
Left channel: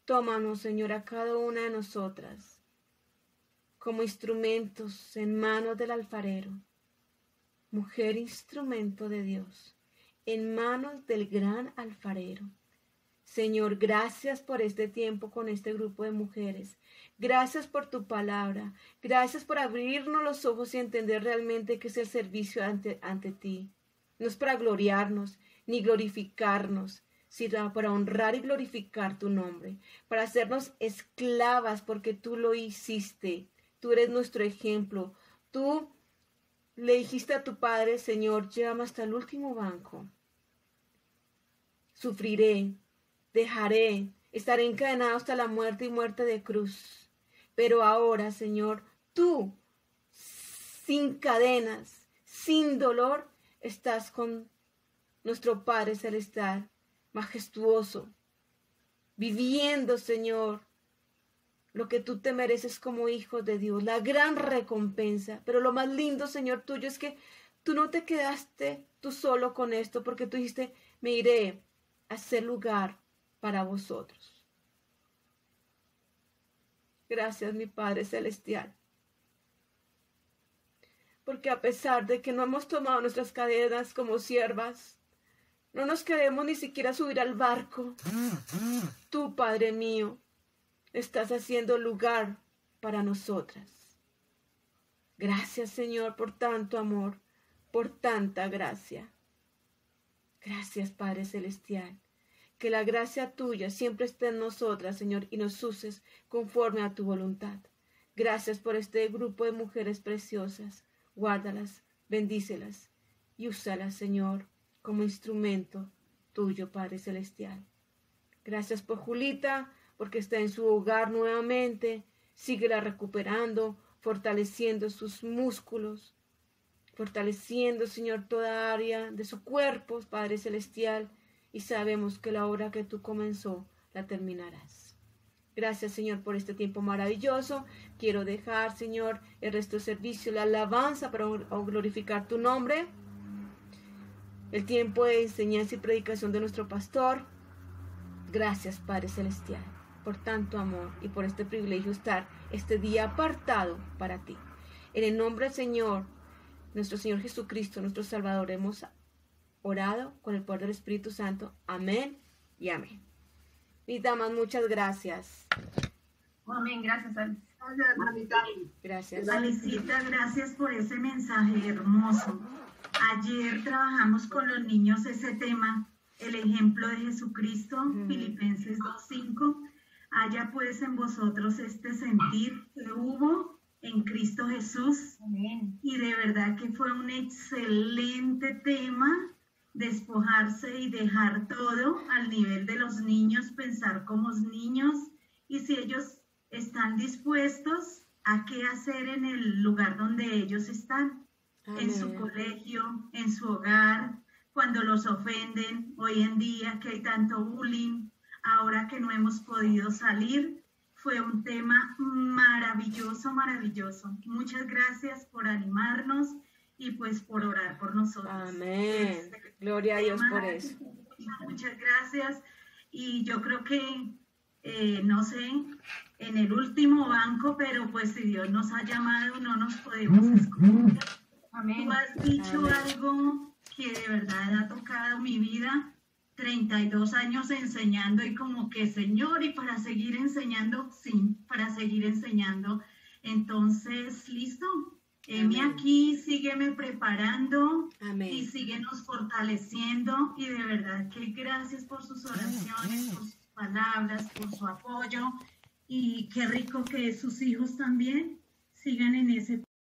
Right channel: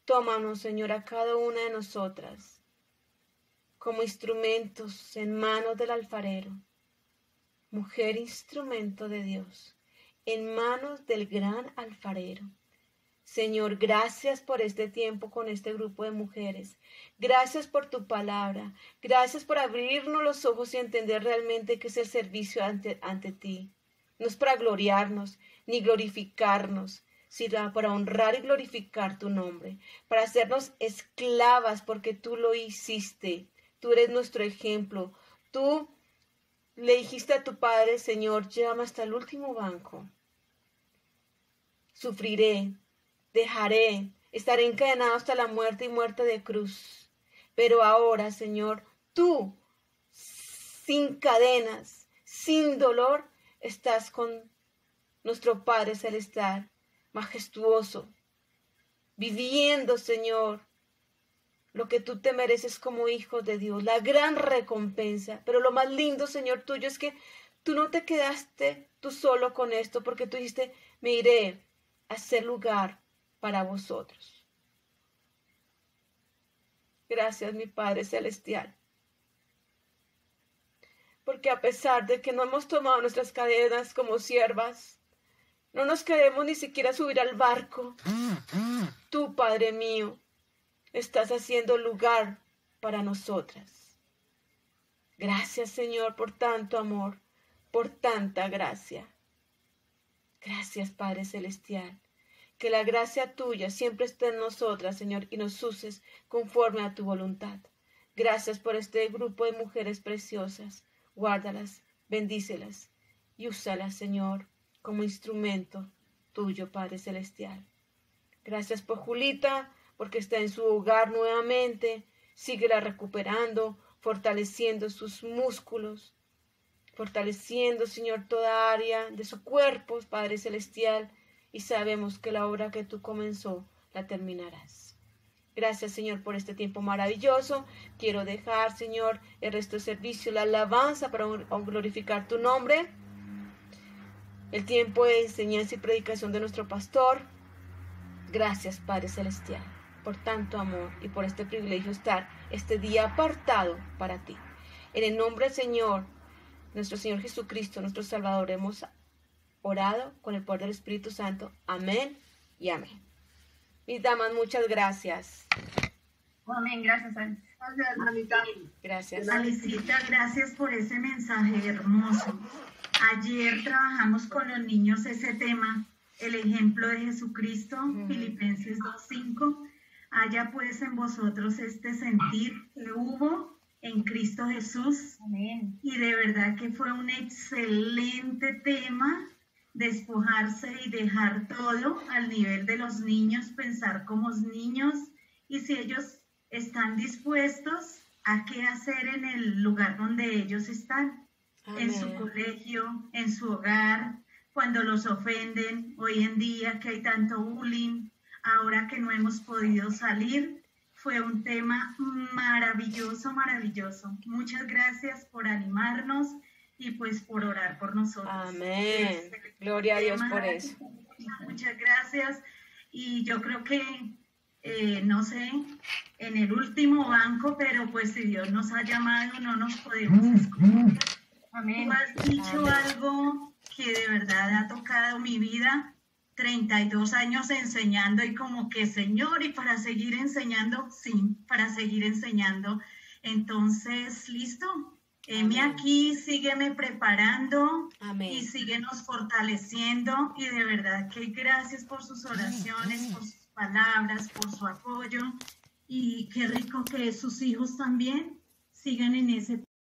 Tómanos, Señor, a cada una de nosotras como instrumentos en manos del alfarero. Mujer, instrumento de Dios, en manos del gran alfarero. Señor, gracias por este tiempo con este grupo de mujeres. Gracias por tu palabra. Gracias por abrirnos los ojos y entender realmente qué es el servicio ante ti. No es para gloriarnos ni glorificarnos, sino para honrar y glorificar tu nombre, para hacernos esclavas porque tú lo hiciste. Tú eres nuestro ejemplo. Tú le dijiste a tu Padre, Señor, llévame hasta el último banco. Sufriré, dejaré, estaré encadenado hasta la muerte y muerte de cruz. Pero ahora, Señor, tú, sin cadenas, sin dolor, estás con nuestro Padre Celestial, majestuoso, viviendo, Señor, lo que tú te mereces como hijo de Dios, la gran recompensa. Pero lo más lindo, Señor, tuyo es que tú no te quedaste tú solo con esto, porque tú dijiste, me iré a hacer lugar para vosotros. Gracias, mi Padre Celestial, porque a pesar de que no hemos tomado nuestras cadenas como siervas, no nos queremos ni siquiera subir al barco. Tú, Padre mío, estás haciendo lugar para nosotras. Gracias, Señor, por tanto amor, por tanta gracia. Gracias, Padre Celestial. Que la gracia tuya siempre esté en nosotras, Señor, y nos uses conforme a tu voluntad. Gracias por este grupo de mujeres preciosas. Guárdalas, bendícelas y úsalas, Señor, como instrumento tuyo, Padre Celestial. Gracias por Julita, porque está en su hogar nuevamente. Síguela recuperando, fortaleciendo sus músculos, fortaleciendo, Señor, toda área de su cuerpo, Padre Celestial, y sabemos que la obra que tú comenzó la terminarás. Gracias, Señor, por este tiempo maravilloso. Quiero dejar, Señor, el resto del servicio, la alabanza para glorificar tu nombre. El tiempo de enseñanza y predicación de nuestro pastor. Gracias, Padre Celestial, por tanto amor y por este privilegio estar este día apartado para ti. En el nombre del Señor, nuestro Señor Jesucristo, nuestro Salvador, hemos orado con el poder del Espíritu Santo. Amén y amén. Mis damas, muchas gracias. Amén, gracias, Alice. Gracias. Alicita, gracias por ese mensaje hermoso. Ayer trabajamos con los niños ese tema, el ejemplo de Jesucristo, Filipenses 2:5. Haya pues en vosotros este sentir que hubo en Cristo Jesús. Amén. Y de verdad que fue un excelente tema, despojarse y dejar todo al nivel de los niños, pensar como niños, y si ellos están dispuestos a qué hacer en el lugar donde ellos están, en su colegio, en su hogar, cuando los ofenden, hoy en día que hay tanto bullying, ahora que no hemos podido salir. Fue un tema maravilloso, maravilloso. Muchas gracias por animarnos y pues por orar por nosotros. Amén. Gloria a Dios por eso. Muchas gracias. Y yo creo que, no sé, en el último banco, pero pues si Dios nos ha llamado, no nos podemos esconder. Amén. Tú has dicho algo que de verdad ha tocado mi vida. 32 años enseñando y como que, Señor, y para seguir enseñando, sí, para seguir enseñando. Entonces, listo. Heme aquí, sígueme preparando. Amén. Y síguenos fortaleciendo. Y de verdad que gracias por sus oraciones, por sus palabras, por su apoyo. Y qué rico que sus hijos también sigan en ese